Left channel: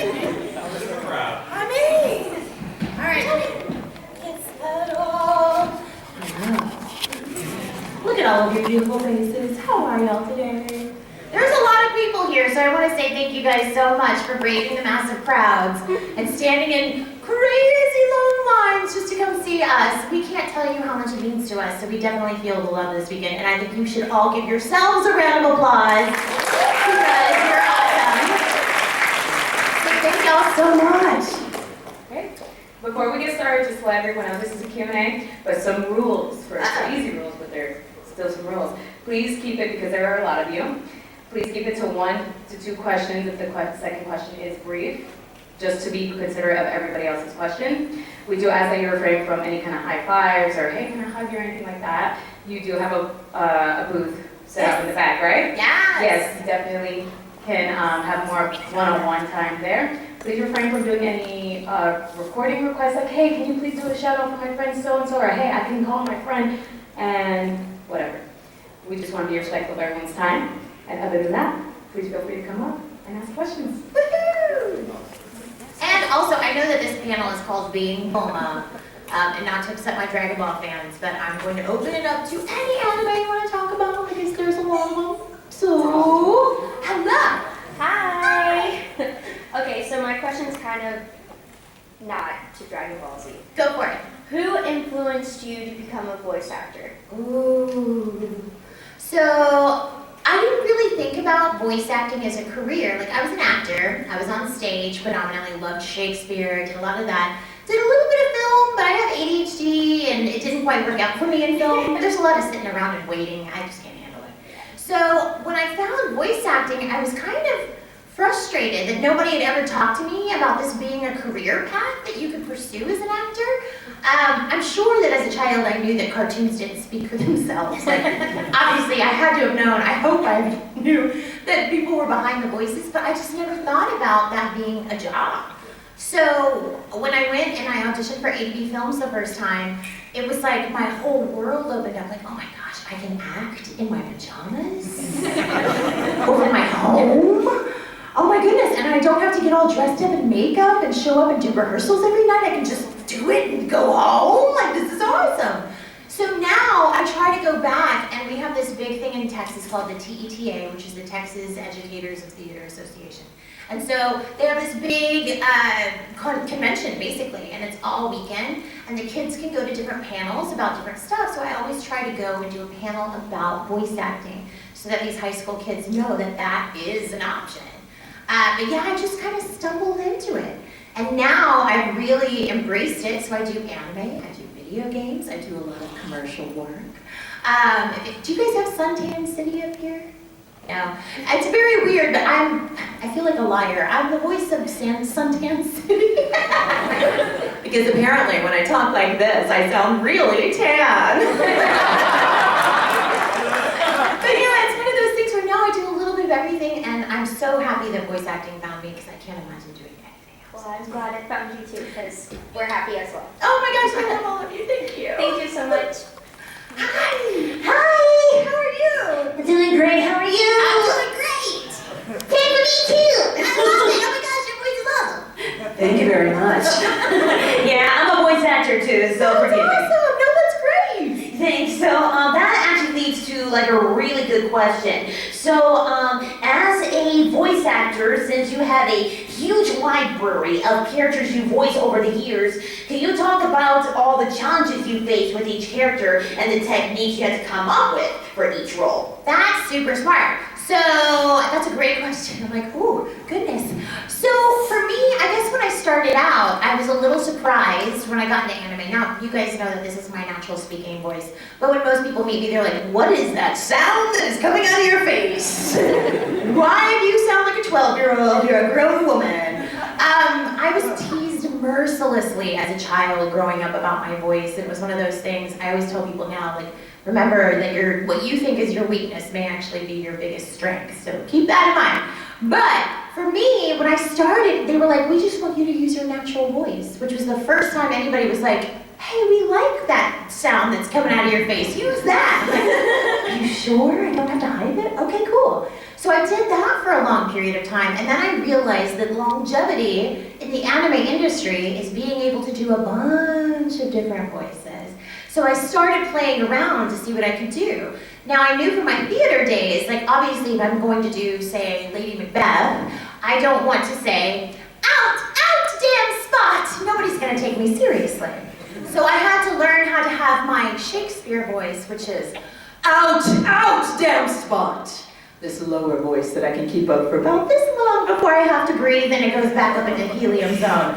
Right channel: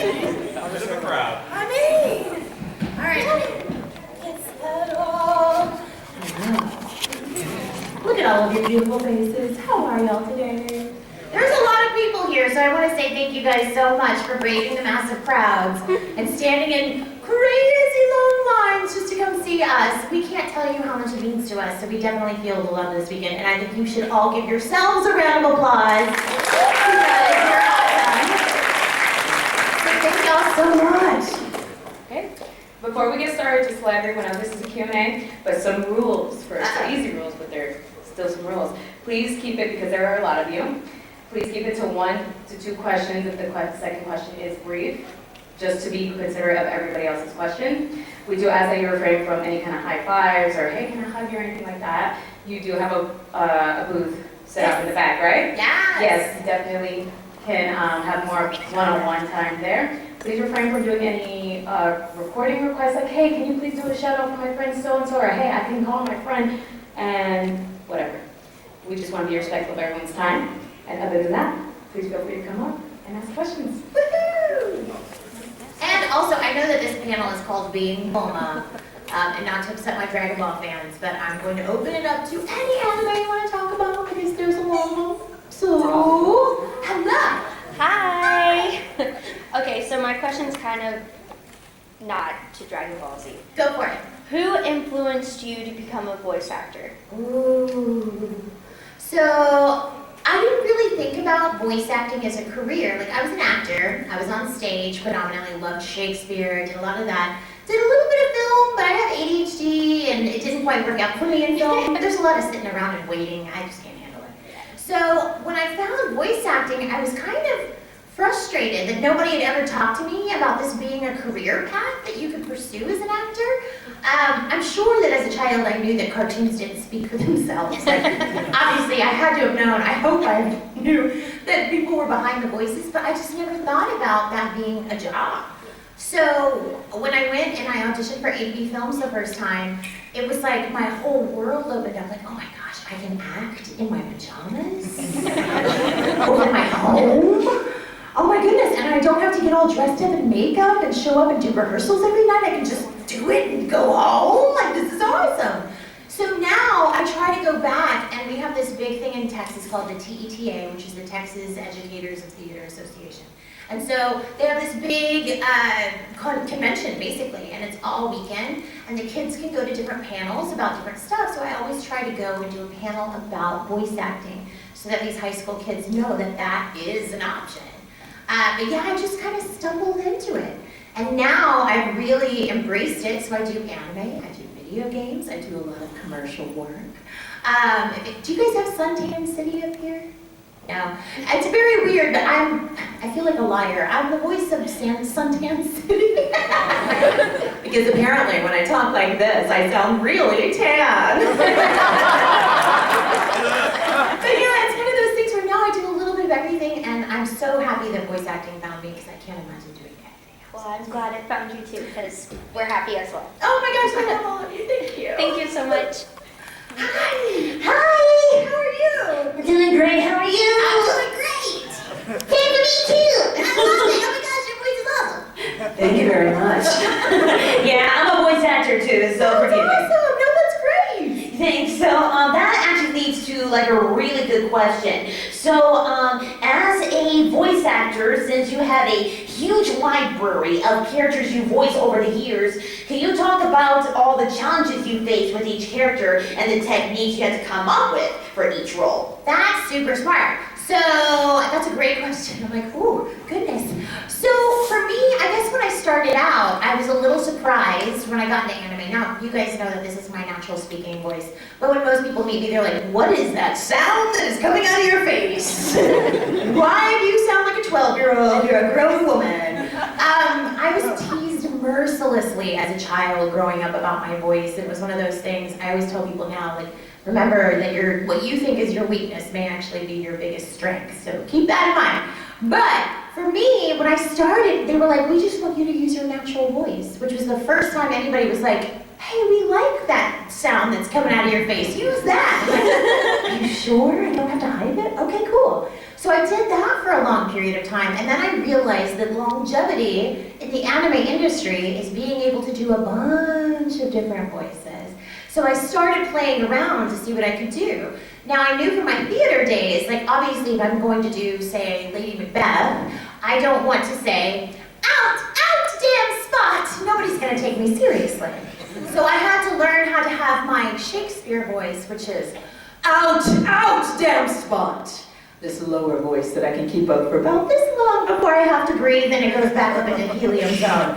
the crowd. I mean, all right, let me get settled. Look at all of your beautiful faces. How are y'all today? There's a lot of people here, so I want to say thank you guys so much for braving the massive crowds and standing in crazy long lines just to come see us. We can't tell you how much it means to us, so we definitely feel the love this weekend, and I think you should all give yourselves a round of applause because you're awesome. So thank y'all so much. Okay. Before we get started, just to let everyone know, this is a Q&A, but some rules first. Easy rules, but there's still some rules. Please keep it, because there are a lot of you, please keep it to 1 to 2 questions if the second question is brief, just to be considerate of everybody else's question. We do ask that you refrain from any kind of high fives or, hey, can I hug you or anything like that. You do have a booth set up in the back, right? Yes. Yes, you definitely can have more one-on-one time there. Please refrain from doing any recording requests like, hey, can you please do a shout out for my friend so-and-so, or hey, I can call my friend, and whatever. We just want to be respectful of everyone's time. And other than that, please feel free to come up and ask questions. Woohoo! And also, I know that this panel is called Being Homa, and not to upset my Dragon Ball fans, but I'm going to open it up to any anime you want to talk about because there's a lot of them. So, hello! Hi! Okay, so my question's kind of not to Dragon Ball Z. Go for it. Who influenced you to become a voice actor? Ooh. So, I didn't really think about voice acting as a career. Like, I was an actor, I was on stage, predominantly loved Shakespeare, did a lot of that. Did a little bit of film, but I have ADHD and it didn't quite work out for me in film. There's a lot of sitting around and waiting, I just can't handle it. So, when I found voice acting, I was kind of frustrated that nobody had ever talked to me about this being a career path that you could pursue as an actor. I'm sure that as a child I knew that cartoons didn't speak for themselves. Like, obviously I had to have known, I hope I knew that people were behind the voices, but I just never thought about that being a job. So when I went and I auditioned for AV Films the first time, it was like my whole world opened up, like, oh my gosh, I can act in my pajamas? Over my home? Oh my goodness, and I don't have to get all dressed up in makeup and show up and do rehearsals every night. I can just do it and go home. Like, this is awesome. So now I try to go back, and we have this big thing in Texas called the TETA, which is the Texas Educators of Theater Association. And so they have this big convention, basically, and it's all weekend, and the kids can go to different panels about different stuff, so I always try to go and do a panel about voice acting so that these high school kids know that that is an option. But yeah, I just kind of stumbled into it. And now I've really embraced it, so I do anime, I do video games, I do a lot of commercial work. Do you guys have Suntan City up here? No. It's very weird, but I feel like a liar. I'm the voice of Suntan City. Because apparently when I talk like this, I sound really tan. But yeah, it's one of those things where now I do a little bit of everything, and I'm so happy that voice acting found me because I can't imagine doing anything else. Well, I'm glad I found you too, because we're happy as well. Oh my gosh, I love all of you. Thank you. Thank you so much. Hi. Hi. How are you? I'm doing great. How are you? I'm doing great. Hey, for me too. I love it. Oh my gosh, your voice is awesome. Thank you very much. Yeah, I'm a voice actor too, so forgive me. Awesome. No, that's great. Thanks. So that actually leads to like a really good question. So as a voice actor, since you have a huge library of characters you voice over the years, can you talk about all the challenges you face with each character and the techniques you had to come up with for each role? That's super smart. So that's a great question. I'm like, ooh, goodness. So for me, I guess when I started out, I was a little surprised when I got into anime. Now, you guys know that this is my natural speaking voice, but when most people meet me, they're like, what is that sound that is coming out of your face? Why do you sound like a 12-year-old? You're a grown woman. I was teased mercilessly as a child growing up about my voice. It was one of those things I always tell people now, like, remember that what you think is your weakness may actually be your biggest strength, so keep that in mind. But for me, when I started, they were like, we just want you to use your natural voice, which was the first time anybody was like, hey, we like that sound that's coming out of your face, use that. Like, you sure? I don't have to hide it? Okay, cool. So I did that for a long period of time, and then I realized that longevity in the anime industry is being able to do a bunch of different voices. So I started playing around to see what I could do. Now I knew from my theater days, like obviously if I'm going to do, say, Lady Macbeth, I don't want to say, out, damn spot! Nobody's gonna take me seriously. So I had to learn how to have my Shakespeare voice, which is, out, damn spot! This lower voice that I can keep up for about this long before I have to breathe and it goes back up into helium zone.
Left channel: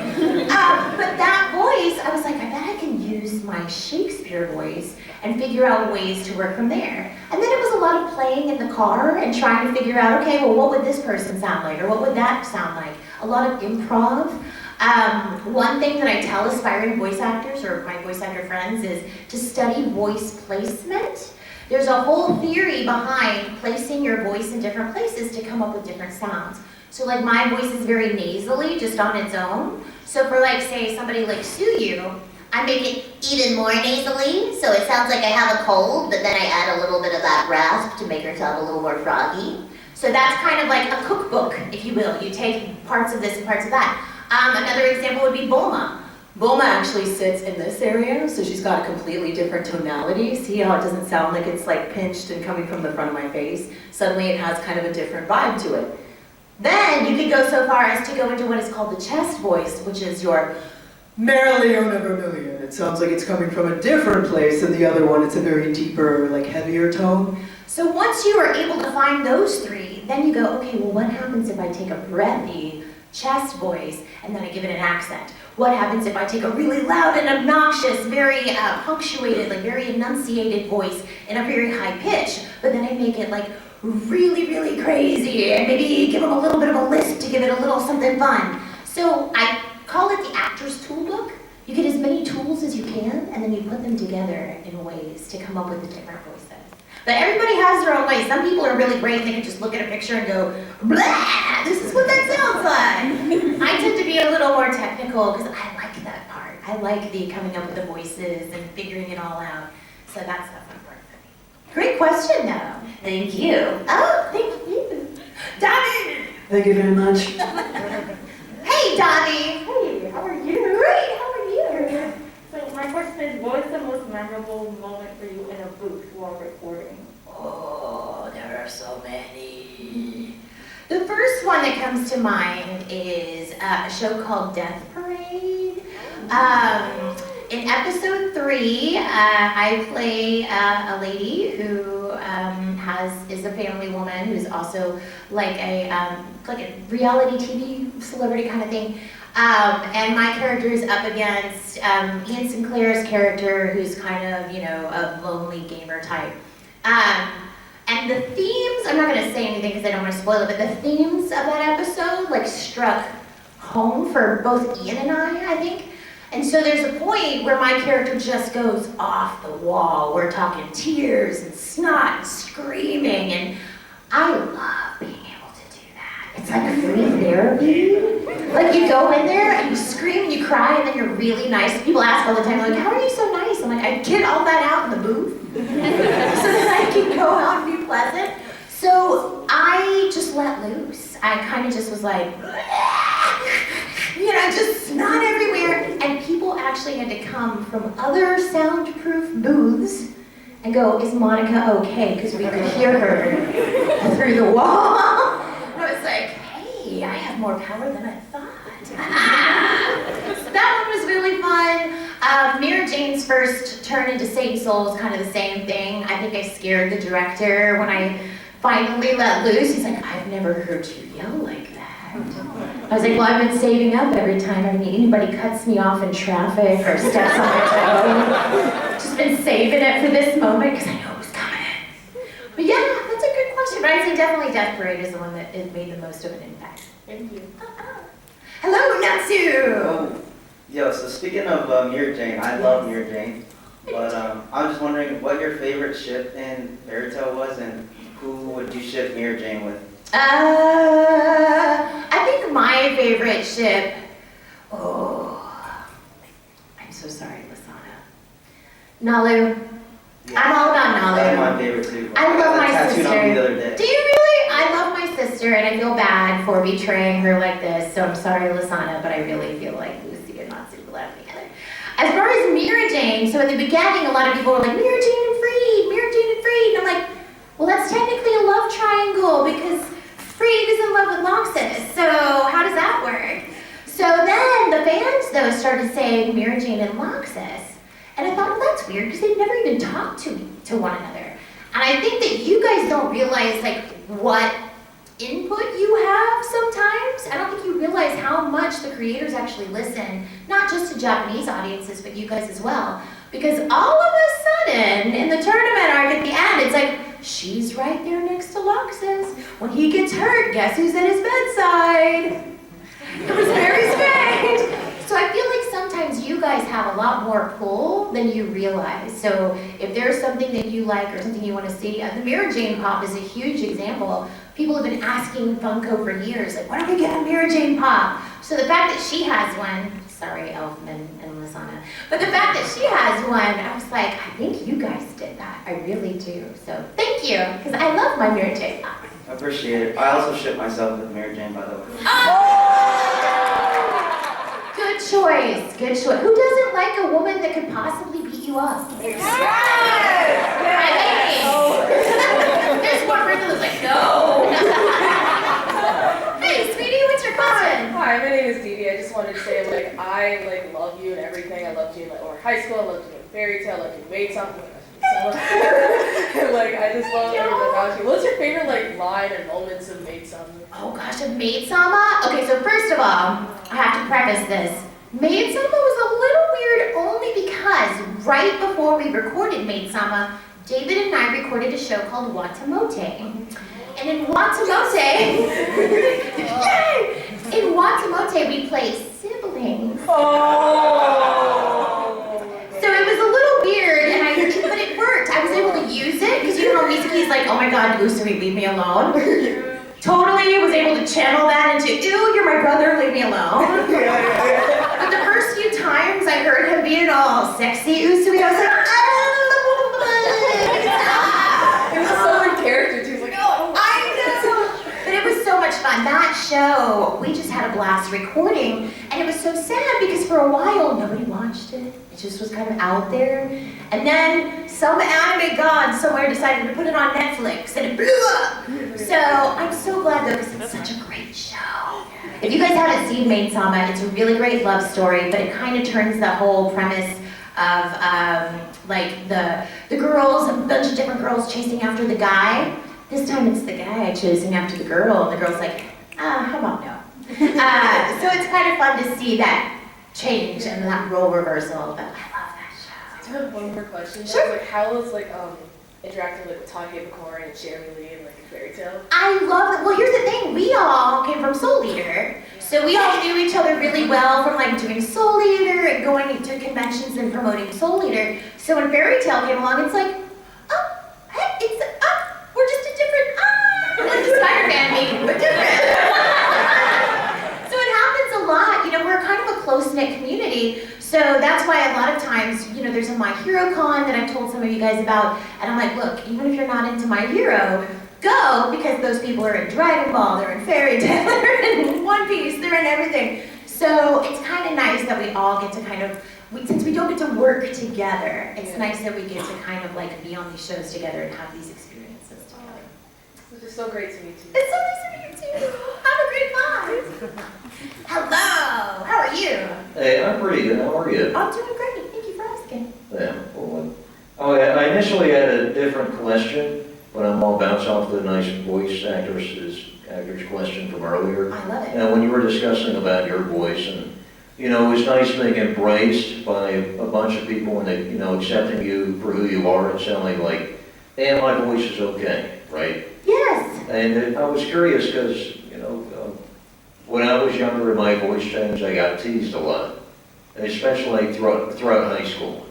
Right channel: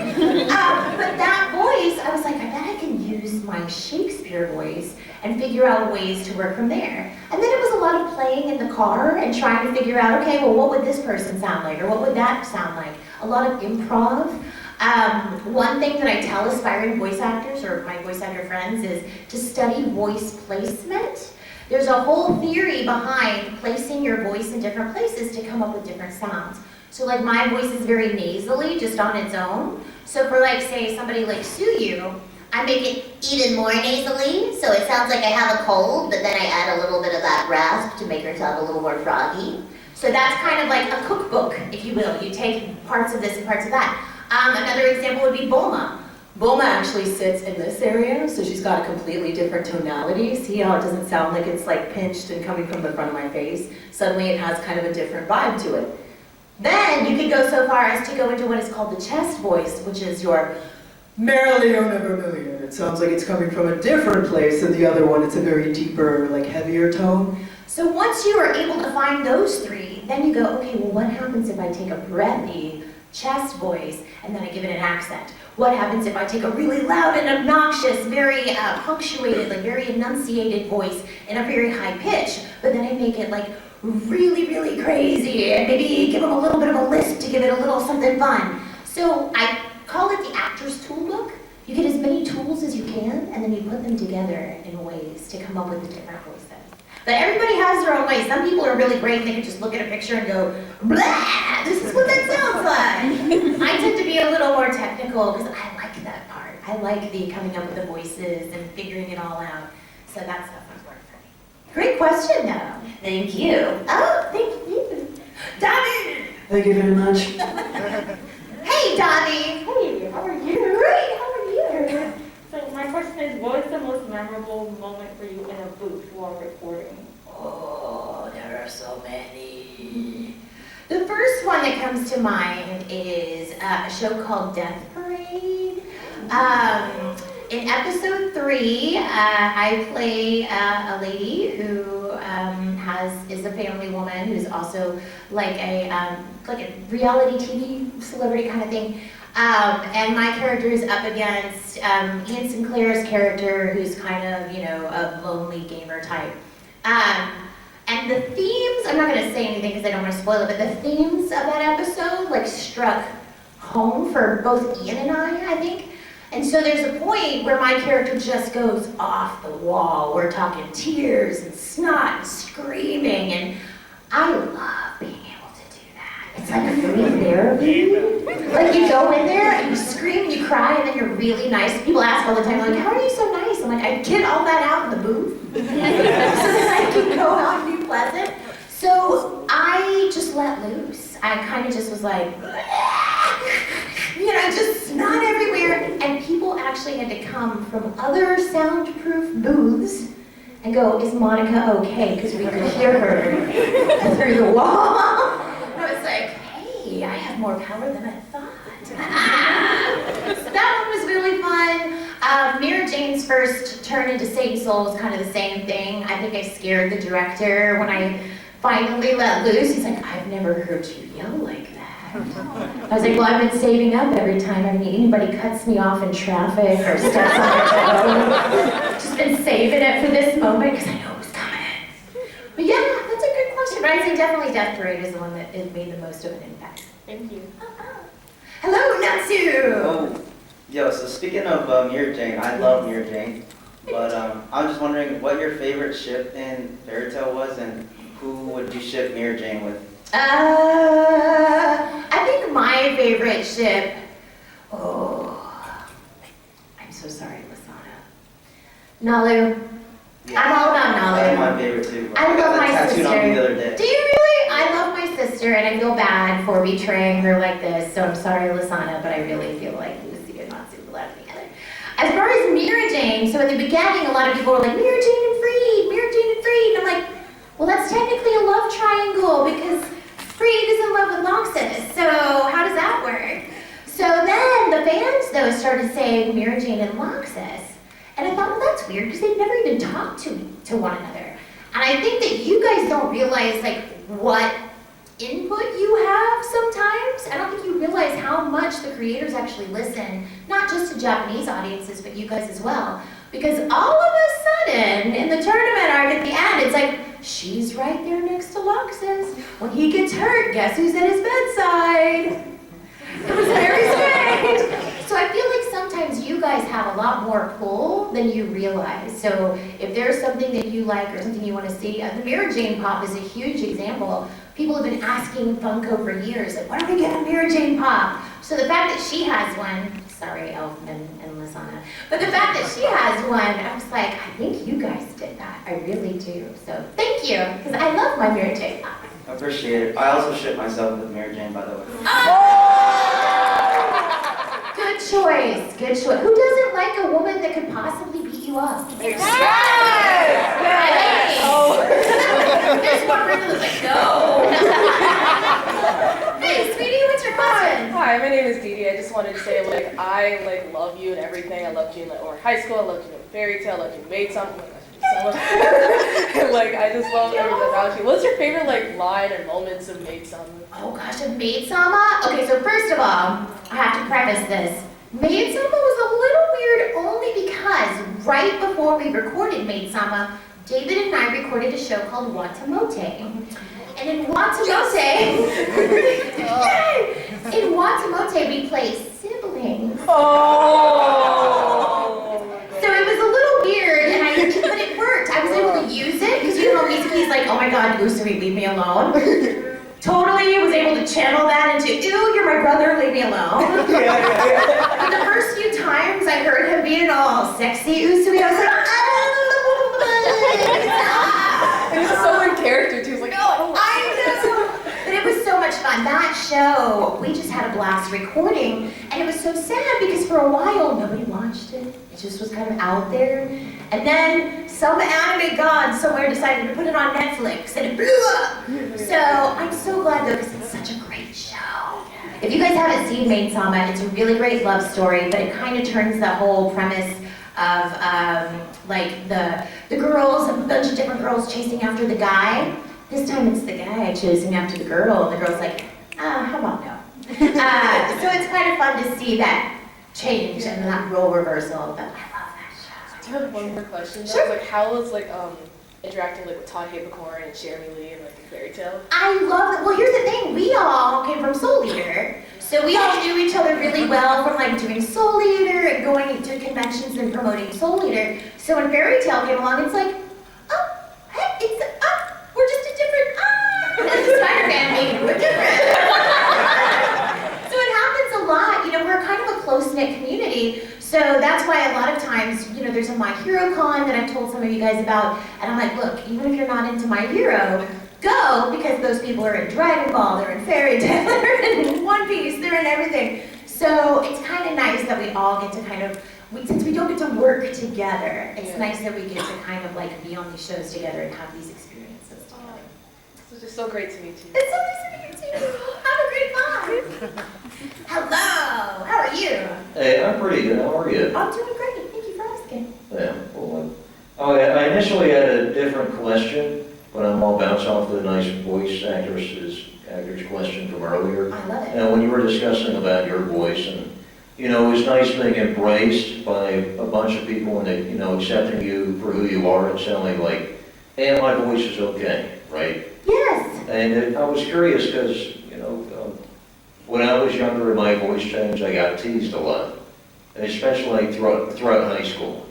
But that voice, I was like, I bet I can use my Shakespeare voice and figure out ways to work from there. And then it was a lot of playing in the car and trying to figure out, okay, well, what would this person sound like? Or what would that sound like? A lot of improv. One thing that I tell aspiring voice actors or my voice actor friends is to study voice placement. There's a whole theory behind placing your voice in different places to come up with different sounds. So like my voice is very nasally just on its own. So for like say somebody like Suyu, I make it even more nasally, so it sounds like I have a cold, but then I add a little bit of that rasp to make her sound a little more froggy. So that's kind of like a cookbook, if you will. You take parts of this and parts of that. Another example would be Bulma. Bulma actually sits in this area, so she's got a completely different tonality. See how it doesn't sound like it's like pinched and coming from the front of my face? Suddenly it has kind of a different vibe to it. Then you could go so far as to go into what is called the chest voice, which is your merrily or never million. It sounds like it's coming from a different place than the other one. It's a very deeper, like heavier tone. So once you are able to find those three, then you go, okay, well what happens if I take a breathy chest voice and then I give it an accent? What happens if I take a really loud and obnoxious, very punctuated, like very enunciated voice in a very high pitch, but then I make it like really, really crazy and maybe give them a little bit of a lisp to give it a little something fun. So I call it the actor's toolbook. You get as many tools as you can and then you put them together in ways to come up with the different voices. But everybody has their own way. Some people are really great and they can just look at a picture and go, blah, this is what that sounds like. I tend to be a little more technical because I like that part. I like the coming up with the voices and figuring it all out. So that's the fun part for me. Great question though. Thank you. Oh, thank you. Donnie! Thank you very much. Hey Donnie! Hey, how are you? Great, how are you? So my question is, what is the most memorable moment for you in a booth while recording? Oh, there are so many. The first one that comes to mind is a show called Death Parade. In episode 3, I play a lady who is a family woman who's also like a reality TV celebrity kind of thing. And my character is up against Ian Sinclair's character, who's kind of, a lonely gamer type. And the themes, I'm not going to say anything because I don't want to spoil it, but the themes of that episode struck home for both Ian and I think. And so there's a point where my character just goes off the wall. We're talking tears and snot and screaming, and I love being able to do that. It's like a free therapy. Like you go in there and you scream and you cry and then you're really nice. People ask all the time, like, how are you so nice? I'm like, I get all that out in the booth so that I can go out and be pleasant. So I just let loose. I kind of just was like, just snot everywhere. And people actually had to come from other soundproof booths and go, is Monica okay? Because we could hear her through the wall. And I was like, hey, I have more power than I thought. So that one was really fun. Mira Jane's first turn into Saint Soul is kind of the same thing. I think I scared the director when I finally let loose. He's like, I've never heard you yell like that. I was like, well, I've been saving up every time anybody cuts me off in traffic or steps on their toe. Just been saving it for this moment because I know it was coming. But yeah, that's a good question. But I'd say definitely Death Parade is the one that has made the most of an impact. Thank you. Hello, Natsu! Oh, yo, so speaking of Mira Jane, I love Mira Jane, but I'm just wondering what your favorite ship in Fairy Tail was, and who would you ship Mira Jane with? I think my favorite ship, I'm so sorry, Lasana. Nalu. I'm all about That's knowledge. my favorite too. I love my tattooed on me sister. the other day. Do you really? I love my sister, and I feel bad for betraying her like this. So I'm sorry, Lasana, but I really feel like Lucy and Natsu belong together. As far as Mira Jane, so in the beginning, a lot of people were like, Mira Jane and Freed, Mira Jane and Freed. And I'm like, well, that's technically a love triangle because Freed is in love with Noxus. So how does that work? So then the fans, though, started saying Mira Jane and Noxus. And I thought, well, that's weird because they've never even talked to one another. And I think that you guys don't realize, like, what input you have sometimes. I don't think you realize how much the creators actually listen, not just to Japanese audiences, but you guys as well. Because all of a sudden, in the tournament arc at the end, it's like, she's right there next to Loxus. When he gets hurt, guess who's at his bedside? It was very strange. So I feel like sometimes you guys have a lot more pull than you realize. So if there's something that you like or something you want to see, the Mira Jane Pop is a huge example. People have been asking Funko for years, like, when are we getting a Mira Jane Pop? So the fact that she has one, sorry, Elfman and Lasana, but the fact that she has one, I was like, I think you guys did that. I really do. So thank you, because I love my Mira Jane Pop. I appreciate it. I also ship myself with Mary Jane, by the way. Good choice, good choice. Who doesn't like a woman that could possibly beat you up? Yes! There's one person who's like, no. Hey, sweetie, what's your question? Hi, my name is Dee Dee. I just wanted to say, like, I like love you and everything. I loved you in like high school. I loved you in Fairy Tale. I loved you in Maid something. And like, I just love everything about you. What's your favorite like line or moments of Maid Sama? Oh gosh, of Maid Sama? Okay, so first of all, I have to preface this. Maid Sama was a little weird only because right before we recorded Maid Sama, David and I recorded a show called Watamote. And in Watamote, in Watamote we play siblings. So it was a little weird, but it worked. I was able to use it, because you know how Mizuki's like, oh my god, Usui, leave me alone. Totally was able to channel that into, ew, you're my brother, leave me alone. But the first few times I heard him being all sexy Usui, I was like, It was so in character too. It was like, oh, I know. But it was so much fun. That show, we just had a blast recording, and it was so sad because for a while nobody watched it. It just was kind of out there. And then some anime god somewhere decided to put it on Netflix, and it blew up. So I'm so glad though, because it's such a great show. If you guys haven't seen Maid Sama, it's a really great love story, but it kind of turns the whole premise of like the girls, a bunch of different girls chasing after the guy. This time it's the guy chasing after the girl, and the girl's like, how about no? So it's kind of fun to see that change and that role reversal, but I love that show. I have one more question. Sure. Like, how was like interacting like with Todd Habercorn and Jeremy Lee and like in Fairy Tale? I love it. Well, here's the thing. We all came from Soul Eater. So we all knew each other really well from like doing Soul Eater and going to conventions and promoting Soul Eater. So when Fairy Tale came along, it's like, oh, hey, we're just a different, it's a Spider-Man meeting, we're different. So it happens a lot. You know, we're kind of a close-knit community. So that's why a lot of times, you know, there's a My Hero Con that I've told some of you guys about, and I'm like, look, even if you're not into My Hero, go, because those people are in Dragon Ball, they're in Fairy Tail, they're in One Piece, they're in everything. So it's kind of nice that we all get to kind of, since we don't get to work together, it's nice that we get to kind of like be on these shows together and have these experiences together. It's just so great to meet you. It's so nice to meet you too. Have a great time. Hello, how are you? Hey, I'm pretty good. How are you? I'm doing great, thank you for asking. Yeah. Well, I initially had a different question, but I'm all bounced off the nice voice actor's question from earlier. I love it. And when you were discussing about your voice, and you know, it was nice being embraced by a bunch of people, and they, you know, accepting you for who you are and sounding like, hey, my voice is okay, right? Yes. And I was curious because, you know, when I was younger and my voice changed, I got teased a lot, especially throughout high school.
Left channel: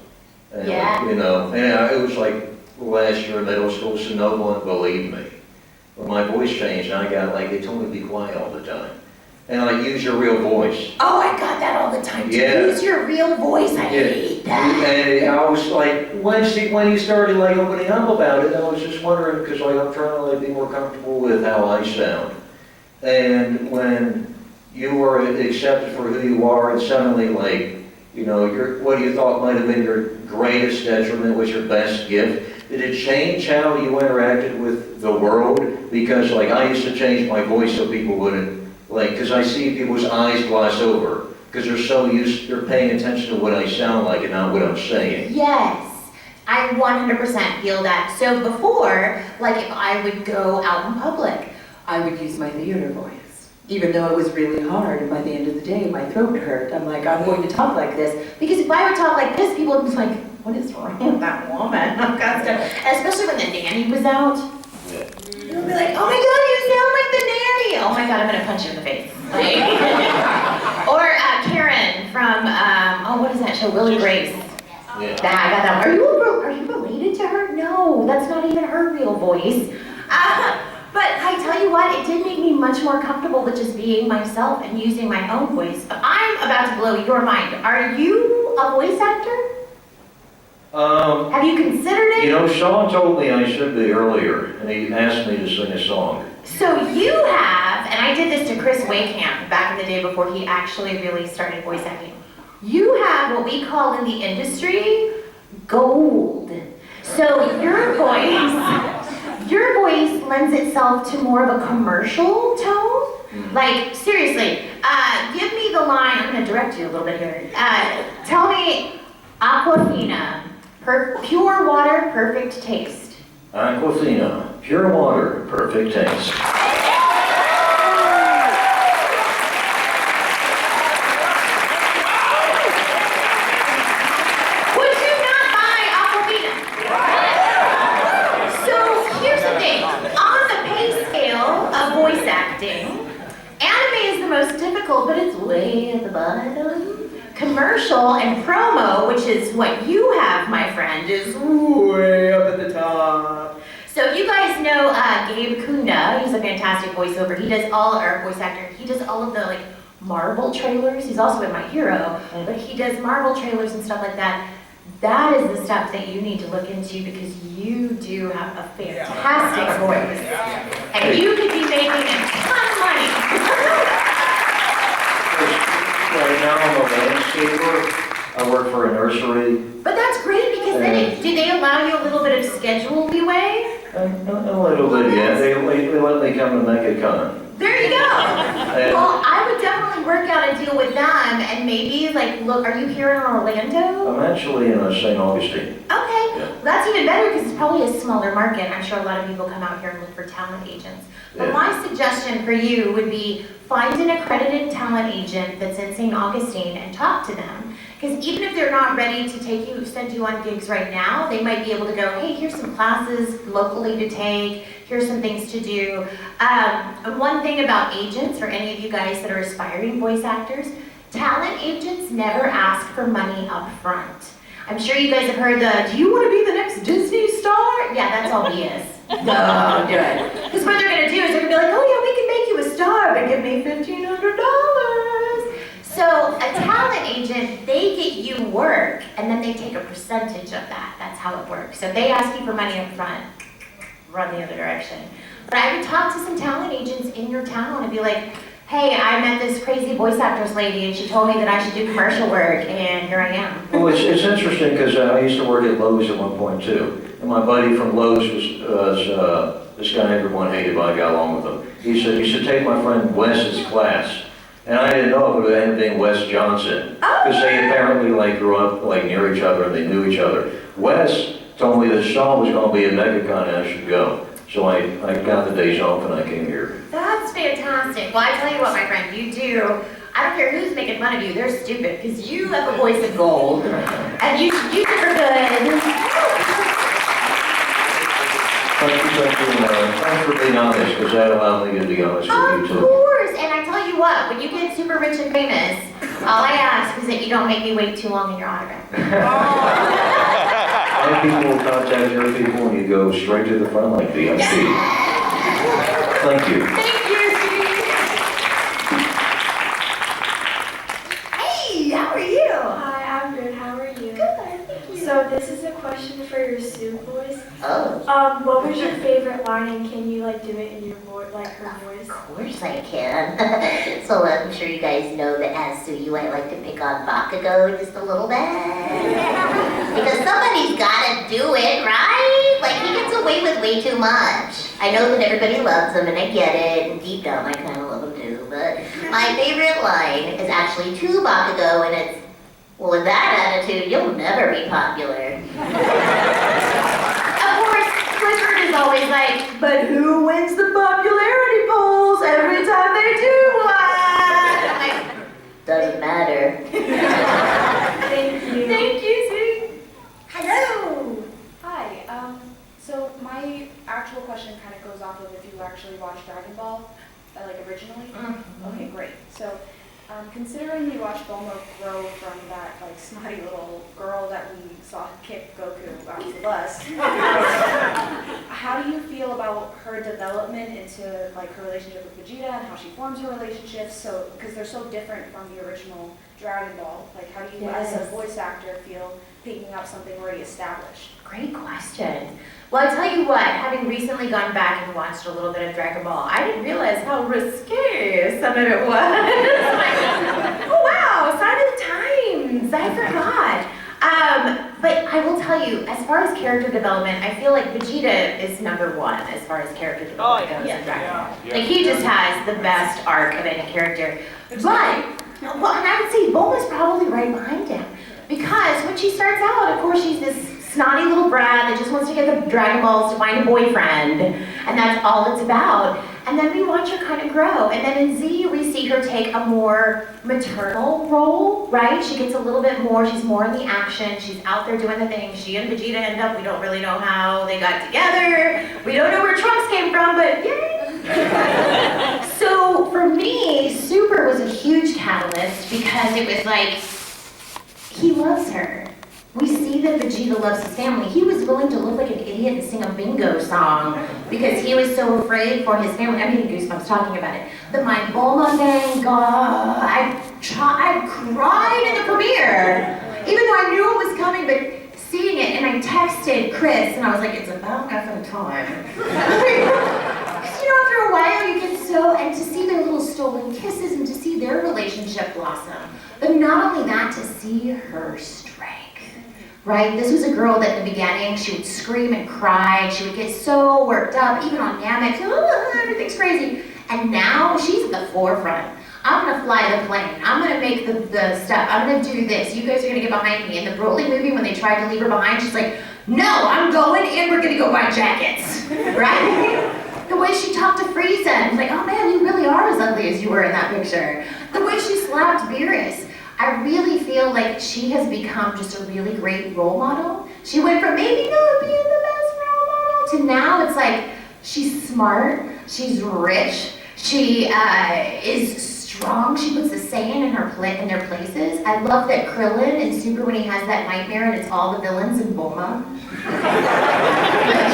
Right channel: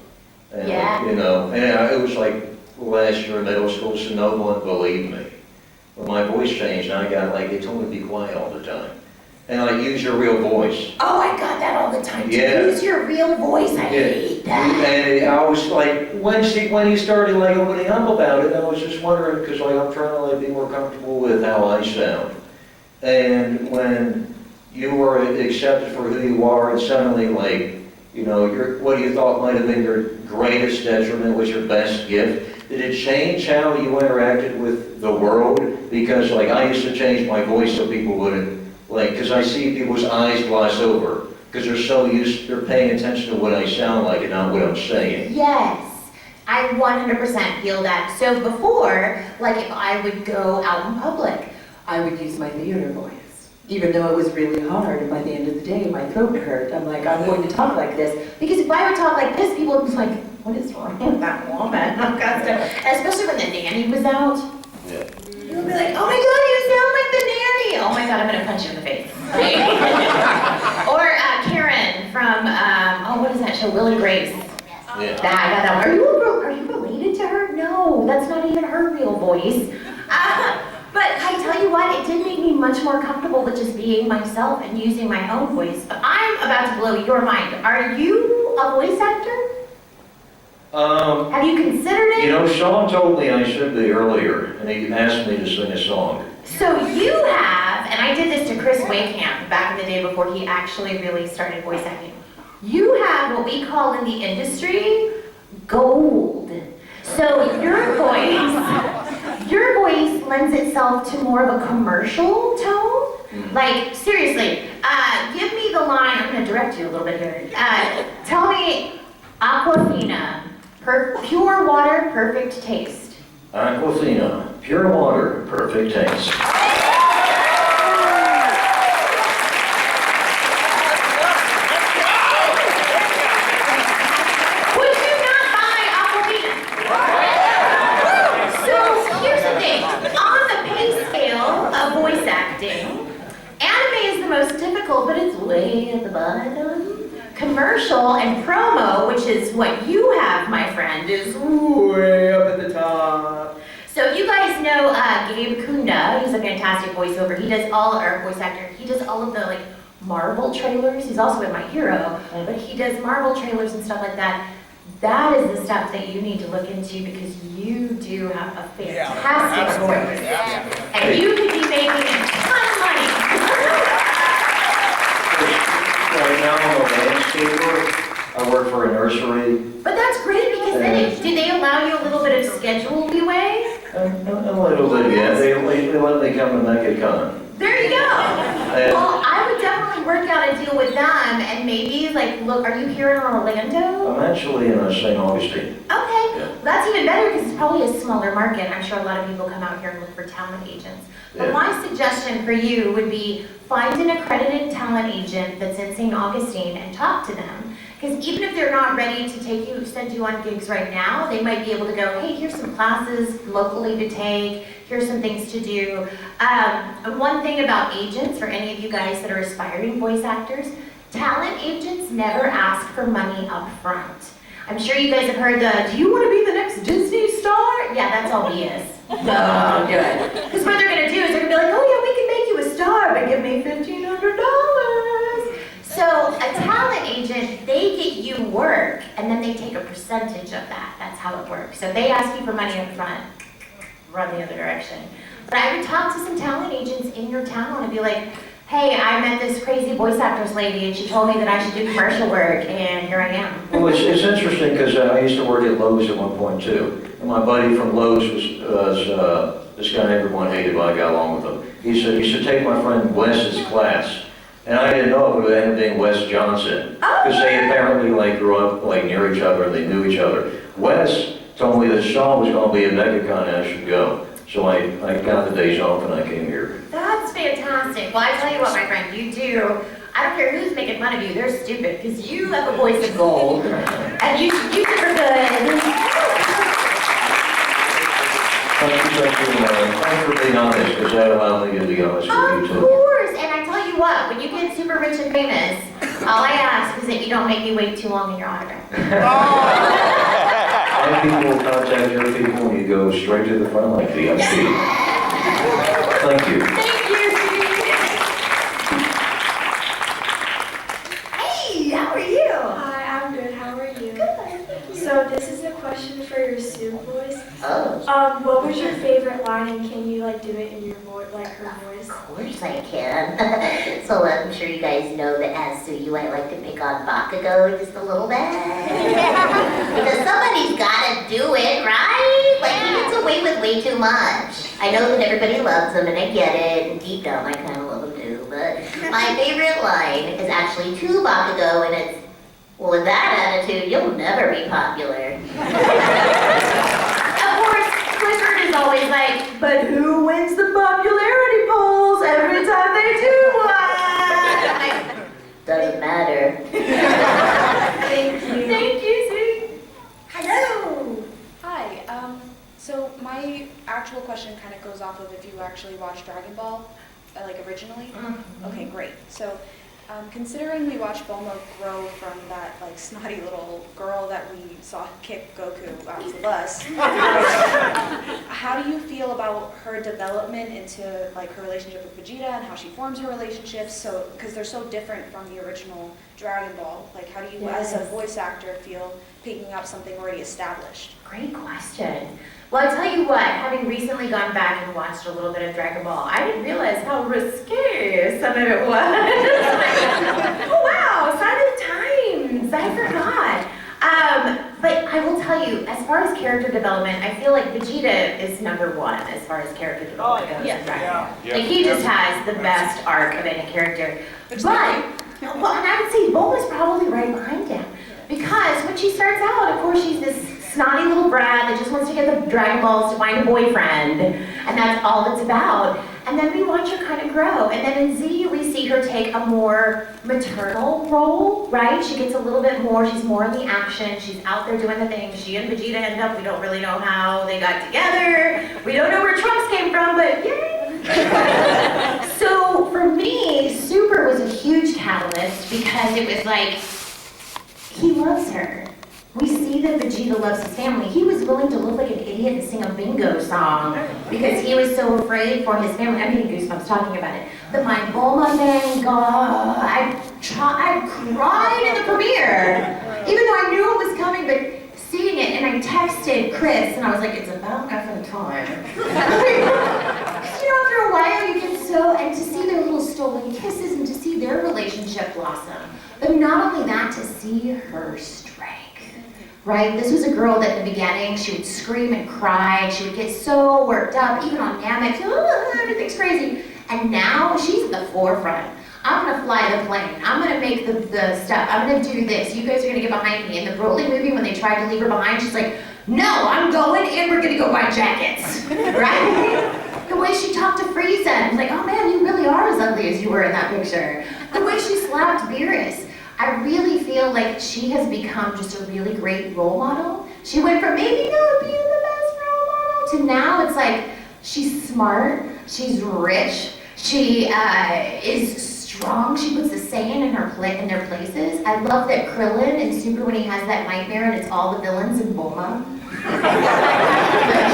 And, Yeah. You know, and it was like last year in middle school, so no one believed me. But my voice changed, and I got like, they told me to be quiet all the time. And like, use your real voice. Oh, I got that all the the time. To Yeah. use your real voice, I hate that. And I was like, when he started like opening up about it, I was just wondering, because like I'm trying to like be more comfortable with how I sound. And when you were accepted for who you are, and suddenly like, you know, what you thought might have been your greatest detriment was your best gift. Did it change how you interacted with the world? Because like I used to change my voice so people wouldn't, like, because I see people's eyes gloss over, because they're paying attention to what I sound like and not what I'm saying. Yes, I 100% feel that. So before, like if I would go out in public, I would use my theater voice, even though it was really hard, and by the end of the day, my throat hurt. I'm like, I'm going to talk like this. because if I would talk like this, people would be like, what is wrong with that woman? I'm constant. Especially when the nanny was out. Yeah. You would be like, oh my God, you sound like the nanny. Oh my God, I'm gonna punch you in the face. Or Karen from, what is that show, Will and Grace. Yeah. I got that. Are you related to her? No, that's not even her real voice. But I tell you what, it did make me much more comfortable with just being myself and using my own voice. But I'm about to blow your mind. Are you a voice actor? Have you considered it? You know, Sean told me I should be earlier, and he asked me to sing a song. So you have, and I did this to Chris Waycamp back in the day before he actually really started voice acting. You have what we call in the industry gold. So your voice lends itself to more of a commercial tone. Like seriously, give me the line. I'm going to direct you a little bit here. Tell me, Aquafina, pure water, perfect taste. Aquafina, pure water, perfect taste. Would you not buy Aquafina? So here's the thing. On the pay scale of voice acting, anime is the most difficult, but it's way at the bottom. Commercial and promo, which is what you have, my friend, is way up at the top. So if you guys know Gabe Kunda, he's a fantastic voiceover. He does voice actor. He does all of the like Marvel trailers. He's also in My Hero, but he does Marvel trailers and stuff like that. That is the stuff that you need to look into because you do have a fantastic voice. And you could be making a ton of money. Right now I'm a landscaper. I work for a nursery. But that's great because then do they allow you a little bit of schedule leeway? A little bit, yeah. They let me come to Megacon. There you go. Well, I would definitely work out a deal with them and maybe like, look, are you here in Orlando? I'm actually in St. Augustine. Okay, Yeah. that's even better because it's probably a smaller market. I'm sure a lot of people come out here and look for talent agents. But Yeah. my suggestion for you would be find an accredited talent agent that's in St. Augustine and talk to them. Because even if they're not ready to send you on gigs right now, they might be able to go, hey, here's some classes locally to take, here's some things to do. One thing about agents, for any of you guys that are aspiring voice actors, talent agents never ask for money up front. I'm sure you guys have heard do you want to be the next Disney star? Yeah, that's all BS. No, do it. Because what they're going to do is they're going to be like, oh yeah, we can make you a star, but give me $1,500. So a talent agent, they get you work, and then they take a percentage of that. That's how it works. So if they ask you for money up front, run the other direction. But I would talk to some talent agents in your town and be like, hey, I met this crazy voice actress lady, and she told me that I should do commercial work, and here I am. Well, it's interesting because I used to work at Lowe's at one point too. And my buddy from Lowe's was this guy everyone hated, but I got along with him. He said, you should take my friend Wes's class. And I didn't know it would end up being Wes Johnson. Because they apparently like grew up like near each other and they knew each other. Wes told me that Sean was going to be at Megacon and I should go. So I got the days off and I came here. That's fantastic. Well, I tell you what, my friend, you do. I don't care who's making fun of you, they're stupid, because you have a voice of gold. And you super good. Thanks for being honest, because that allowed me to be honest with you Of too. course, and I tell you what, when you get super rich and famous, all I ask is that you don't make me wait too long in your autograph. And people will contact your people and you go straight to the front like VIP. Thank you. Thank you, sweetie. Hey, this is a question for your Sue voice. Oh, What was your favorite line, and can you like do it in your voice, like her voice? of course I can. So I'm sure you guys know that as Suyu, I like to pick on Bakugo just a little bit. Because somebody's gotta do it, right? Like, he gets away with way too much. I know that everybody loves him, and I get it, and deep down I kind of love him too, but my favorite line is actually to Bakugo, and it's, well, with that attitude, you'll never be popular. Of course, Clifford is always like, but who wins the popularity polls every time they do one? I'm like, doesn't matter. Thank you. Thank you, sweetie. Hello. Hi, so my actual question kind of goes off of if you actually watched Dragon Ball, like originally? Okay, great. So, considering we watched Bulma grow from that like snotty little girl that we saw kick Goku off the bus, how do you feel about her development into like her relationship with Vegeta and how she forms her relationships? So, because they're so different from the original Dragon Ball, like how do you, as a voice actor, feel picking up something already established? Great question. Well, I tell you what, having recently gone back and watched a little bit of Dragon Ball, I didn't realize how risque some of it was. Like, oh wow, sign of the times, I forgot. But I will tell you, as far as character development, I feel like Vegeta is number one as far as character development goes in Dragon Ball. Like, he just has the best arc of any character. But, well, and I would say Bulma's probably right behind him. Because when she starts out, of course, she's this snotty little brat that just wants to get the Dragon Balls to find a boyfriend, and that's all it's about. And then we watch her kind of grow, and then in Z, we see her take a more maternal role, right? She gets a little bit more, she's more in the action, she's out there doing the things. She and Vegeta end up, we don't really know how they got together, we don't know where Trunks came from, but yay! So for me, Super was a huge catalyst because it was like, he loves her. We see that Vegeta loves his family. He was willing to look like an idiot and sing a bingo song because he was so afraid for his family. I'm getting goosebumps talking about it. But my Bulma thing, God, I cried in the premiere. Even though I knew it was coming, but seeing it, and I texted Chris, and I was like, it's about effing time. Because, you know, after a while, you get so, and to see their little stolen kisses and to see their relationship blossom. But not only that, to see her strength. Right? This was a girl that in the beginning, she would scream and cry, she would get so worked up, even on Namek, everything's crazy. And now she's at the forefront. I'm gonna fly the plane, I'm gonna make the stuff, I'm gonna do this, you guys are gonna get behind me. In the Broly movie, when they tried to leave her behind, she's like, no, I'm going and we're gonna go buy jackets, right? The way she talked to Frieza, I was like, oh man, you really are as ugly as you were in that picture. The way she slapped Beerus. I really feel like she has become just a really great role model. She went from maybe not being the best role model to now it's like she's smart, she's rich, she is strong, she puts the Saiyan in their places. I love that Krillin in Super, when he has that nightmare and it's all the villains in Bulma.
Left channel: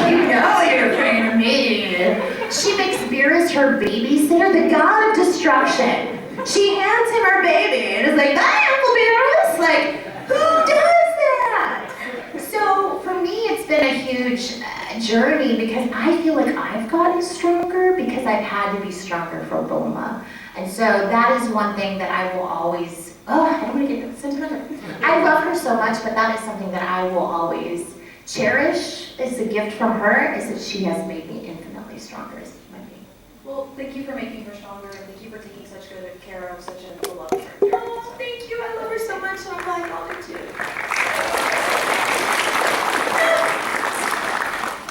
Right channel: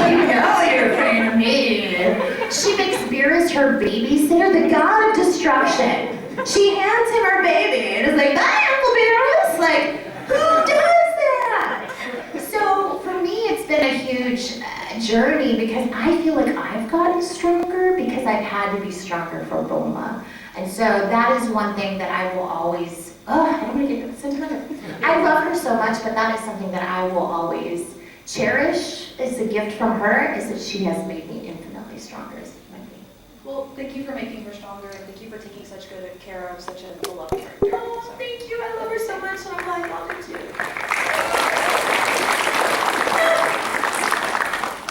You know you're afraid of me. She makes Beerus her babysitter, the god of destruction. She hands him her baby and is like, bye, Uncle Beerus. Like, who does that? So for me, it's been a huge journey because I feel like I've gotten stronger because I've had to be stronger for Bulma. And so that is one thing that I will always, I don't want to get sentimental. I love her so much, but that is something that I will always cherish. It's a gift from her, is that she has made me infinitely stronger as a human being. Well, thank you for making her stronger, and thank you for taking such good care of such a beloved character. Oh, thank you. I love her so much, and I'm glad y'all do too.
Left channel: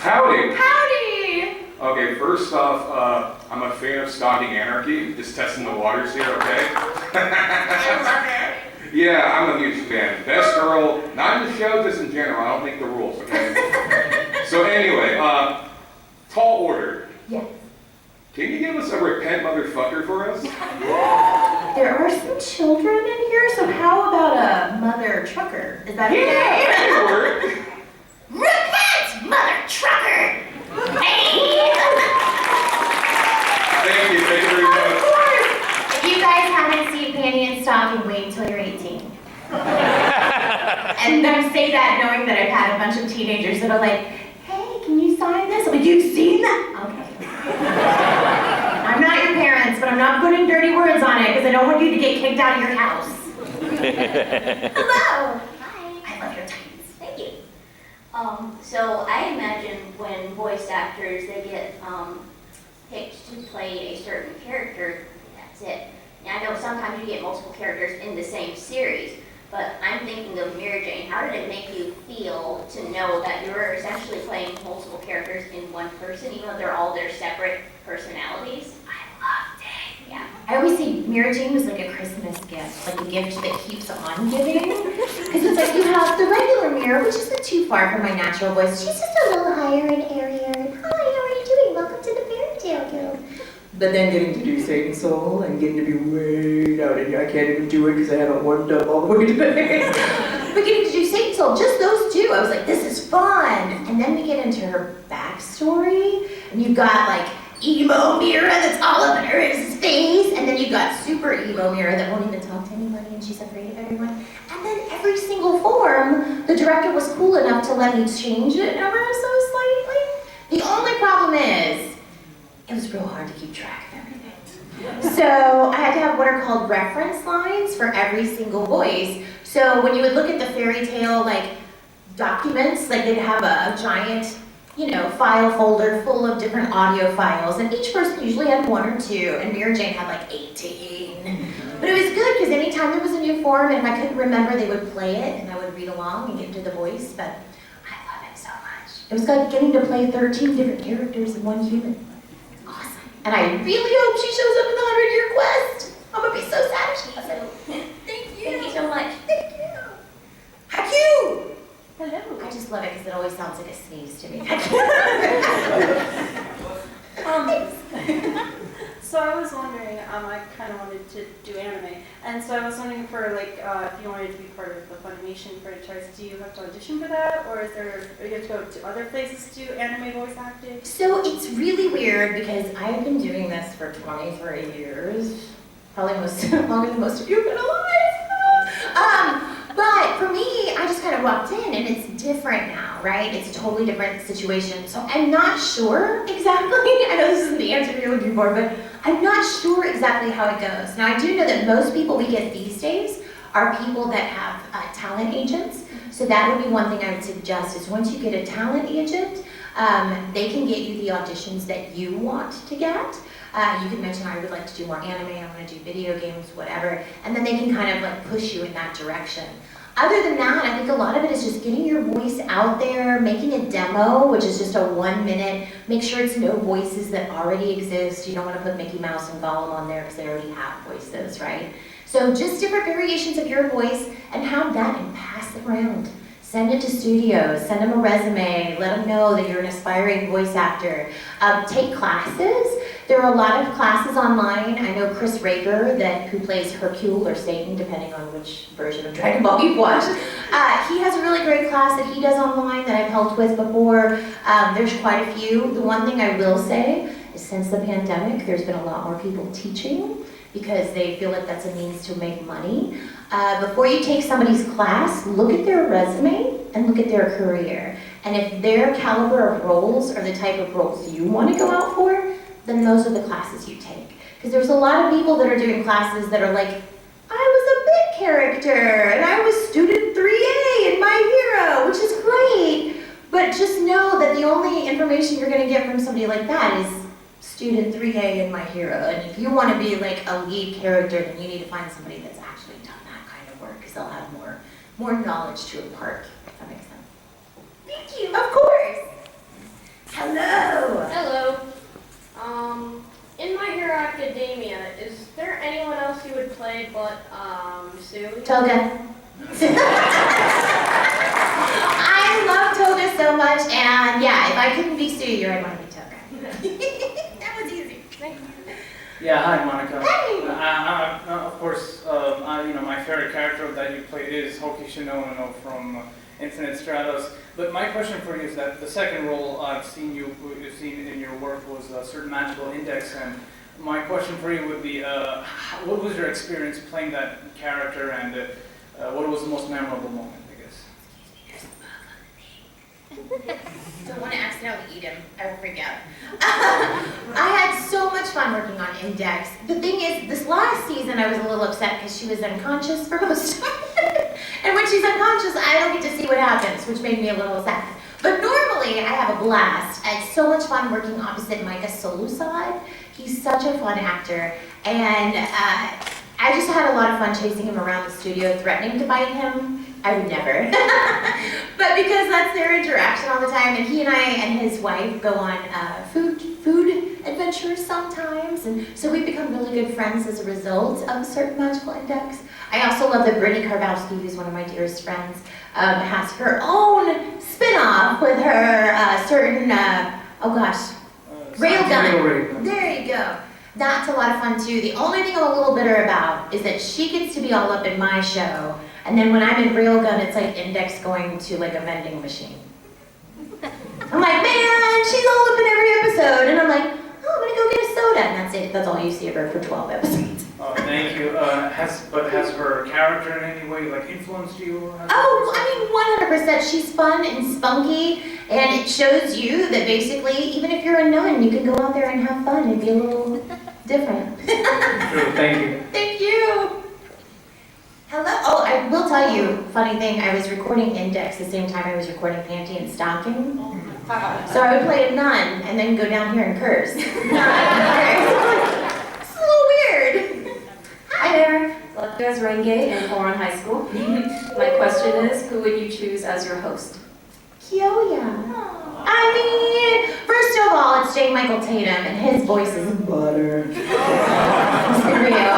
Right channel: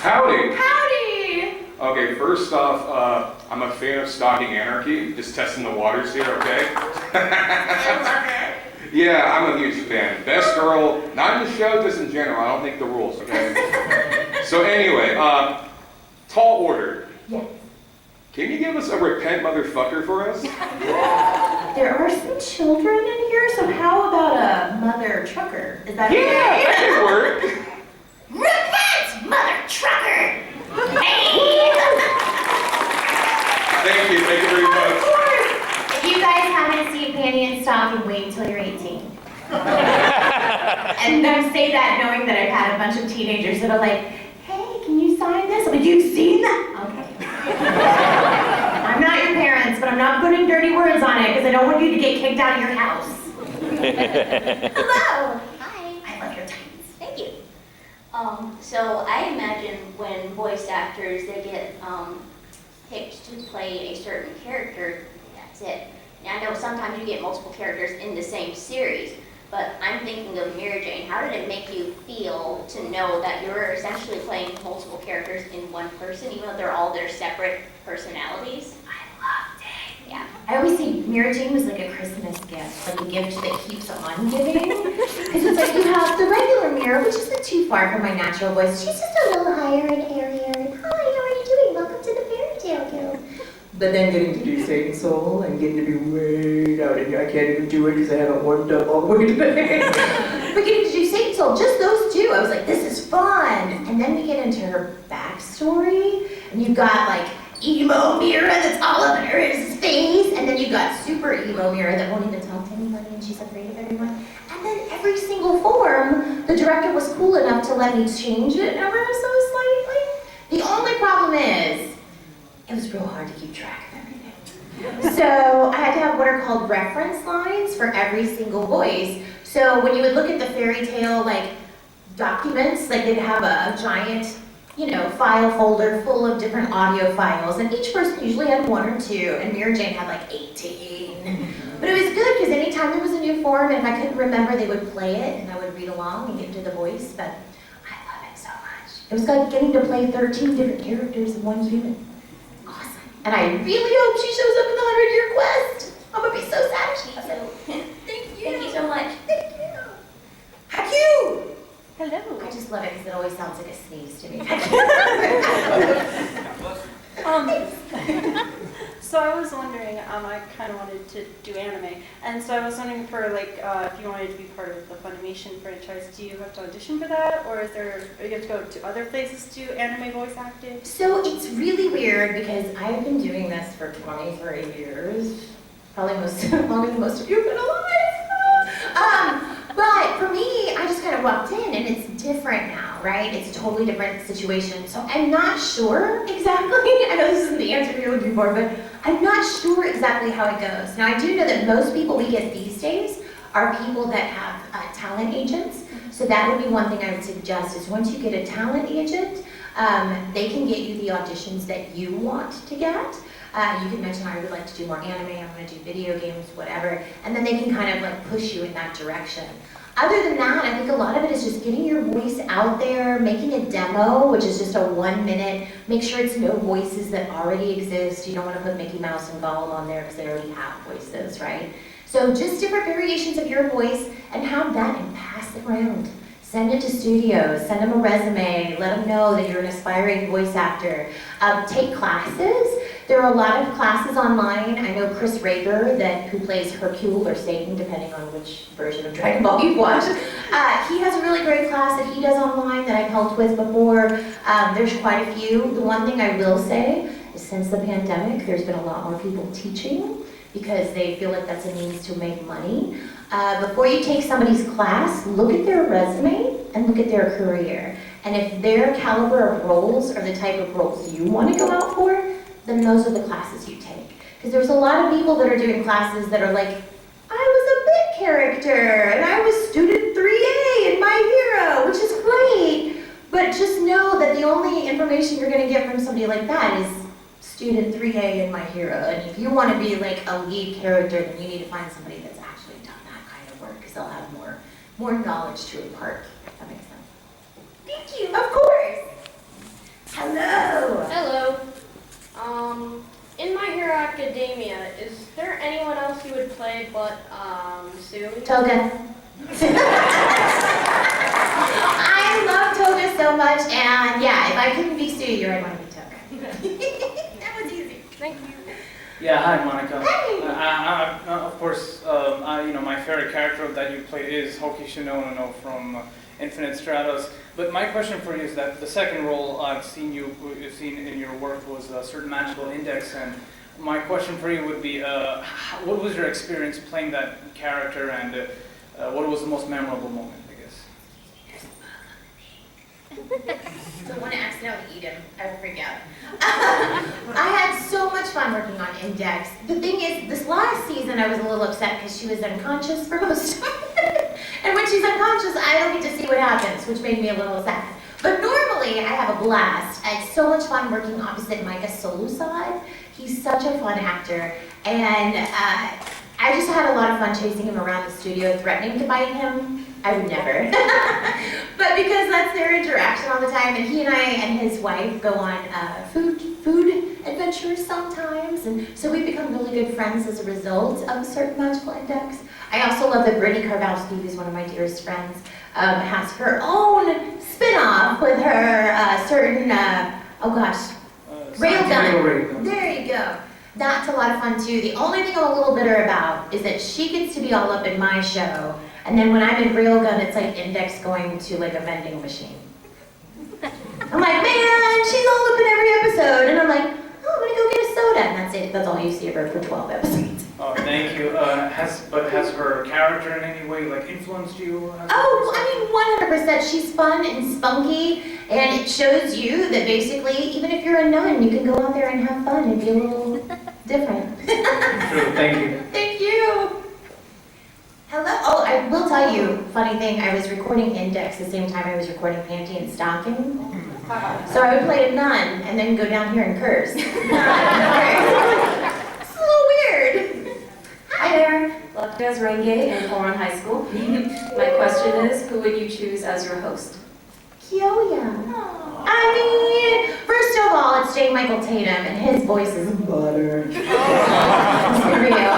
Howdy! Howdy! Okay, first off, I'm a fan of Stalking Anarchy. Just testing the waters here, okay? I love it. Yeah, I'm a huge fan. Best girl, not in the show, just in general. I don't make the rules, okay? So anyway, tall order. Yes. Can you give us a repent motherfucker for us? There are some children in here, so how about a mother trucker? Is that okay? Yeah, that could work. Repent, mother trucker! Thank you very much. Of course! If you guys haven't seen Panty and Stocking, wait until you're 18. And I say that knowing that I've had a bunch of teenagers that are like, hey, can you sign this? I'm like, you've seen that? Okay. I'm not your parents, but I'm not putting dirty words on it because I don't want you to get kicked out of your house. Hello. Hi. I love your tights. Thank you. So I imagine when voice actors, they get picked to play a certain character, that's it. Now I know sometimes you get multiple characters in the same series, but I'm thinking of Mary Jane. How did it make you feel to know that you're essentially playing multiple characters in one person, even though they're all their separate personalities? I loved it. Yeah. I always say Mary Jane was like a Christmas gift, like a gift that keeps on giving. Because it's like you have the regular Mira, which isn't too far from my natural voice. She's just a little higher and airier. And, hi, how are you doing? Welcome to the Fairy Tale Guild. But then getting to do Satan Soul and getting to be way out in here, I can't even do it because I haven't warmed up all the way today. But getting to do Satan Soul, just those two, I was like, this is fun. And then we get into her backstory, and you've got like emo Mira that's all up in her face, and then you've got super emo Mira that won't even talk to anybody and she's afraid of everyone. And then every single form, the director was cool enough to let me change it ever so slightly. The only problem is, it was real hard to keep track of everything. So I had to have what are called reference lines for every single voice. So when you would look at the fairy tale like documents, like they'd have a giant, file folder full of different audio files, and each person usually had one or two, and Mira Jane had like 18. But it was good because anytime there was a new form, and if I couldn't remember, they would play it, and I would read along and get into the voice, but I love it so much. It was like getting to play 13 different characters in one human. And I really hope she shows up in the 100-year quest. I'm gonna be so sad if she doesn't. Thank you. Thank you so much. Thank you. Haku. Hello. I just love it because it always sounds like a sneeze to me. So I was wondering, I kind of wanted to do anime, and so I was wondering for if you wanted to be part of the Funimation franchise, do you have to audition for that, or you have to go to other places to do anime voice acting? So it's really weird because I've been doing this for 23 years, probably longer than most of you have been alive. But for me, I just kind of walked in, and it's different now, right? It's a totally different situation. So I'm not sure exactly. I know this isn't the answer you're looking for, but I'm not sure exactly how it goes. Now, I do know that most people we get these days are people that have talent agents. So that would be one thing I would suggest is once you get a talent agent, they can get you the auditions that you want to get. You can mention, I would like to do more anime, I want to do video games, whatever, and then they can kind of like push you in that direction. Other than that, I think a lot of it is just getting your voice out there, making a demo, which is just a 1 minute, make sure it's no voices that already exist. You don't want to put Mickey Mouse and Gollum on there because they already have voices, right? So just different variations of your voice and have that and pass it around. Send it to studios, send them a resume, let them know that you're an aspiring voice actor. Take classes. There are a lot of classes online. I know Chris Rager, who plays Hercule or Satan, depending on which version of Dragon Ball you've watched. He has a really great class that he does online that I've helped with before. There's quite a few. The one thing I will say is since the pandemic, there's been a lot more people teaching because they feel like that's a means to make money. Before you take somebody's class, look at their resume and look at their career. And if their caliber of roles are the type of roles you want to go out for, then those are the classes you take. Because there's a lot of people that are doing classes that are like, I was a bit character, and I was student 3A in My Hero, which is great. But just know that the only information you're going to get from somebody like that is student 3A in My Hero. And if you want to be like a lead character, then you need to find somebody that's actually done that kind of work, because they'll have more knowledge to impart, if that makes sense. Thank you, of course. Hello. Hello. In My Hero Academia, is there anyone else you would play but Sue? Toga. I love Toga so much, and yeah, if I couldn't be Sue, I'd want to be Toga. That was easy. Thank you. Yeah, hi Monica. Hey. Of course, my favorite character that you played is Hoki Shinono from Infinite Stratos. But my question for you is that the second role I've seen in your work was a certain magical index, and my question for you would be, what was your experience playing that character, and what was the most memorable moment, I guess? Don't want to accidentally eat him. I will freak out. I had so much fun working on Index. The thing is, this last season I was a little upset because she was unconscious for most of it. And when she's unconscious, I don't get to see what happens, which made me a little sad. But normally, I have a blast. I had so much fun working opposite Micah Solusad. He's such a fun actor. And I just had a lot of fun chasing him around the studio, threatening to bite him. I would never. But because that's their interaction all the time, and he and his wife go on food adventures sometimes, and so we've become really good friends as a result of a certain magical index. I also love that Brittany Karbowski, who's one of my dearest friends, has her own spin-off with her Railgun. There you go. That's a lot of fun too. The only thing I'm a little bitter about is that she gets to be all up in my show, and then when I'm in Railgun, it's like Index going to like a vending machine. I'm like, man, she's all up in every episode, and I'm like, oh, I'm gonna go get a soda, and that's it. That's all you see of her for 12 episodes. Oh, thank you. Has her character in any way like influenced you? Oh, I mean, 100%. She's fun and spunky, and it shows you that basically, even if you're a nun, you can go out there and have fun and be a little different. True, thank you. Thank you. Hello. Oh, I will tell you, funny thing, I was recording Index the same time I was recording Panty and Stocking. So I would play a nun and then go down here and curse. It's a little weird. Hi there, Lefka as Renge in Coron High School. My question is, who would you choose as your host? Kyoya. I mean, first of all, it's J. Michael Tatum, and his voice is butter. Let's be real.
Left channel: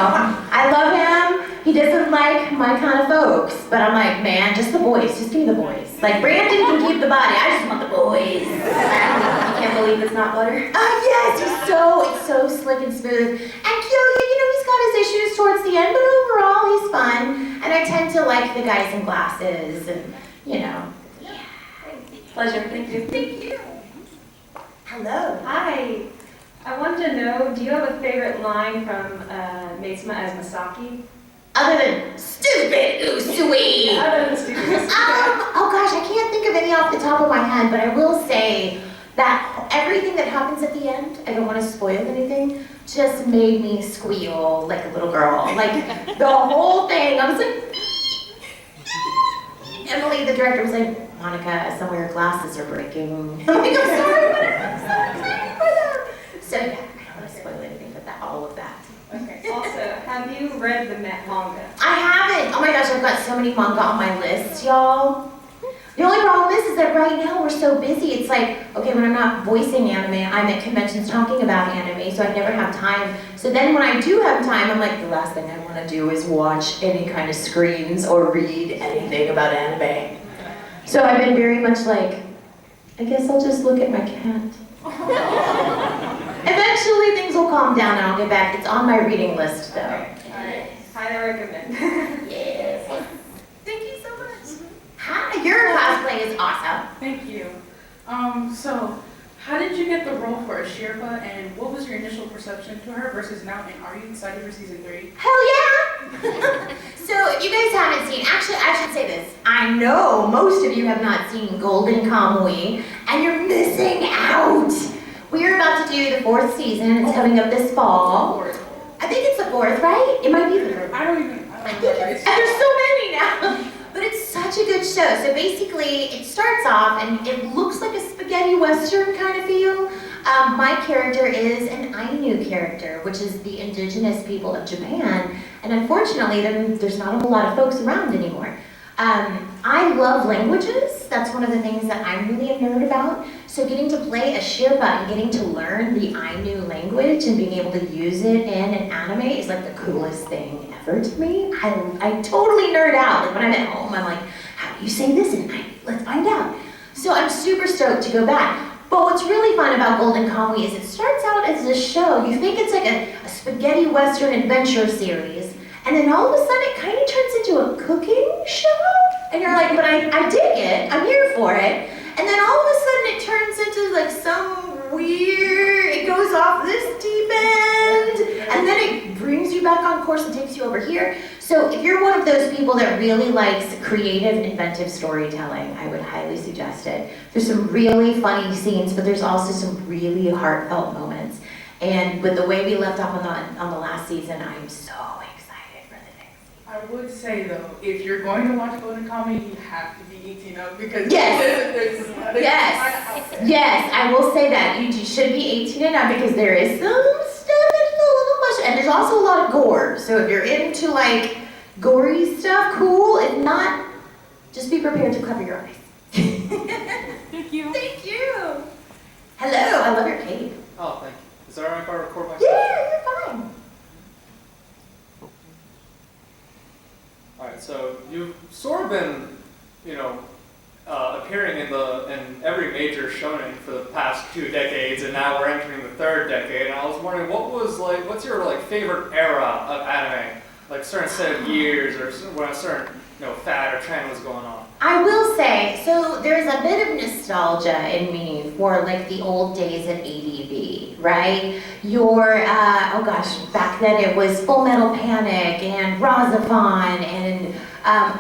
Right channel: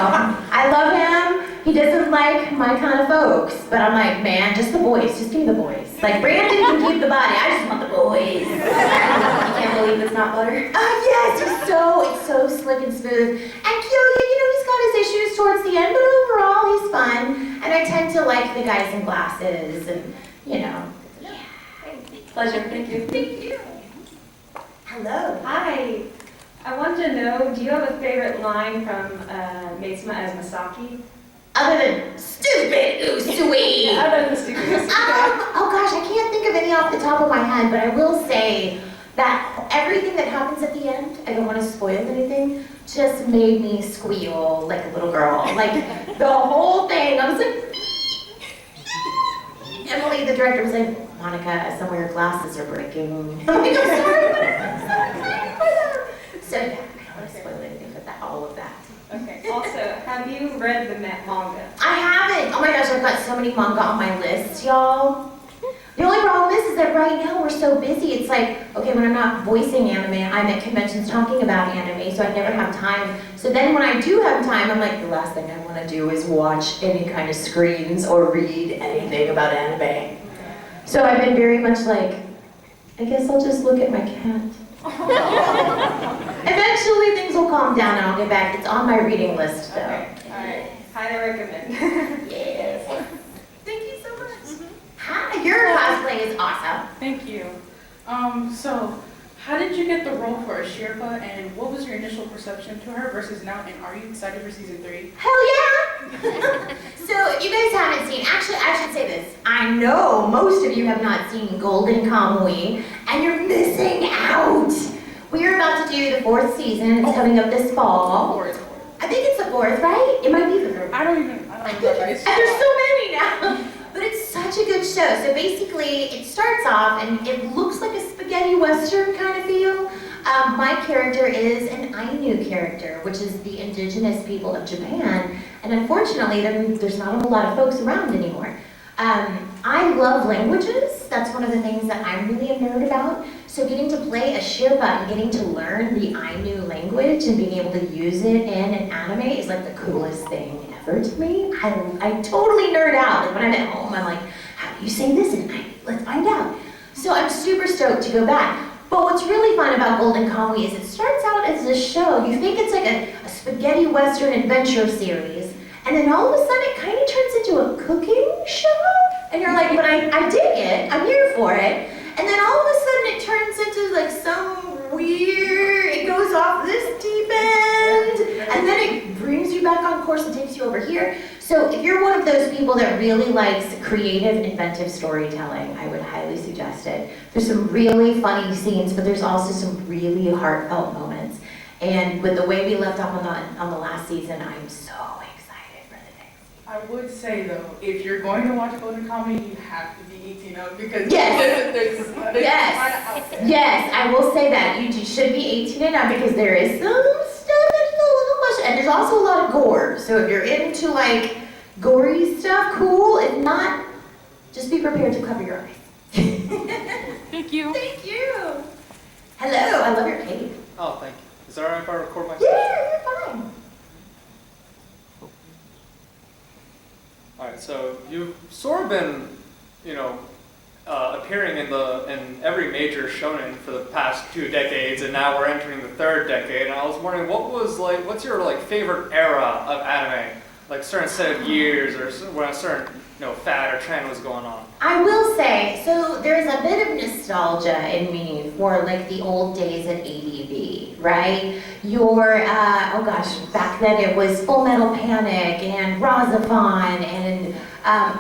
I love him. He doesn't like my kind of folks, but I'm like, man, just the voice. Just give me the voice. Like, Brandon can keep the body. I just want the voice. You can't believe it's not butter? Yes, it's so slick and smooth. And Kyoya, he's got his issues towards the end, but overall, he's fun. And I tend to like the guys in glasses, and, Yeah. Pleasure, thank you. Thank you. Hello. Hi. I wanted to know, do you have a favorite line from Maitsuma as Masaki? Other than stupid Usui. Yeah, other than stupid Usui. Oh gosh, I can't think of any off the top of my head, but I will say that everything that happens at the end, I don't want to spoil anything, just made me squeal like a little girl. Like the whole thing, I was like, Emily, the director, was like, Monica, some of your glasses are breaking. I'm like, I'm sorry, but I'm so excited for them. So yeah, I don't want to spoil anything but all of that. Okay. Also, have you read the manga? I haven't. Oh my gosh, I've got so many manga on my list, y'all. The only problem is that right now we're so busy. It's like, okay, when I'm not voicing anime, I'm at conventions talking about anime, so I never have time. So then when I do have time, I'm like, the last thing I want to do is watch any kind of screens or read anything about anime. So I've been very much like, I guess I'll just look at my cat. Eventually things will calm down and I'll get back. It's on my reading list though. Okay. All right. Highly recommend. Yes. Thank you so much. Hi, your cosplay is awesome. Thank you. So how did you get the role for Ashirpa, and what was your initial perception to her versus now, and are you excited for season 3? Hell yeah! So if you guys haven't seen, actually I should say this, I know most of you have not seen Golden Kamui, and you're missing out. We are about to do the 4th season, it's coming up this fall. I think it's the 4th, right? It might be the 3rd. I don't know. And there's so many now. But it's such a good show. So basically, it starts off and it looks like a spaghetti western kind of feel. My character is an Ainu character, which is the indigenous people of Japan. And unfortunately, there's not a whole lot of folks around anymore. I love languages. That's one of the things that I'm really a nerd about. So getting to play a Sherpa and getting to learn the Ainu language and being able to use it in an anime is like the coolest thing ever to me. I totally nerd out. Like when I'm at home, I'm like, how do you say this in Ainu? Let's find out. So I'm super stoked to go back. But what's really fun about Golden Kamui is it starts out as a show. You think it's like a spaghetti western adventure series. And then all of a sudden it kind of turns into a cooking show. And you're like, but I dig it. I'm here for it. And then all of a sudden it turns into like some weird, it goes off this deep end. And then it brings you back on course and takes you over here. So if you're one of those people that really likes creative, inventive storytelling, I would highly suggest it. There's some really funny scenes, but there's also some really heartfelt moments. And with the way we left off on the last season, I'm so excited for the next season. I would say though, if you're going to watch golden comedy, you have to be 18 up because Yes. Yes, I will say that. You should be 18 and up because there is some stuff that's a little much, and there's also a lot of gore. So if you're into like gory stuff, cool. If not, just be prepared to cover your eyes. Thank you. Thank you. Hello, I love your cape. Oh, thank you. Is that all right if I record myself? Yeah, you're fine. All right, so you've sort of been, appearing in every major shonen for the past 2 decades, and now we're entering the 3rd decade. And I was wondering, what's your favorite era of anime? Like a certain set of years, or when a certain fad or trend was going on. I will say, so there's a bit of nostalgia in me for like the old days at ADV, right? Back then it was Full Metal Panic and Razafon and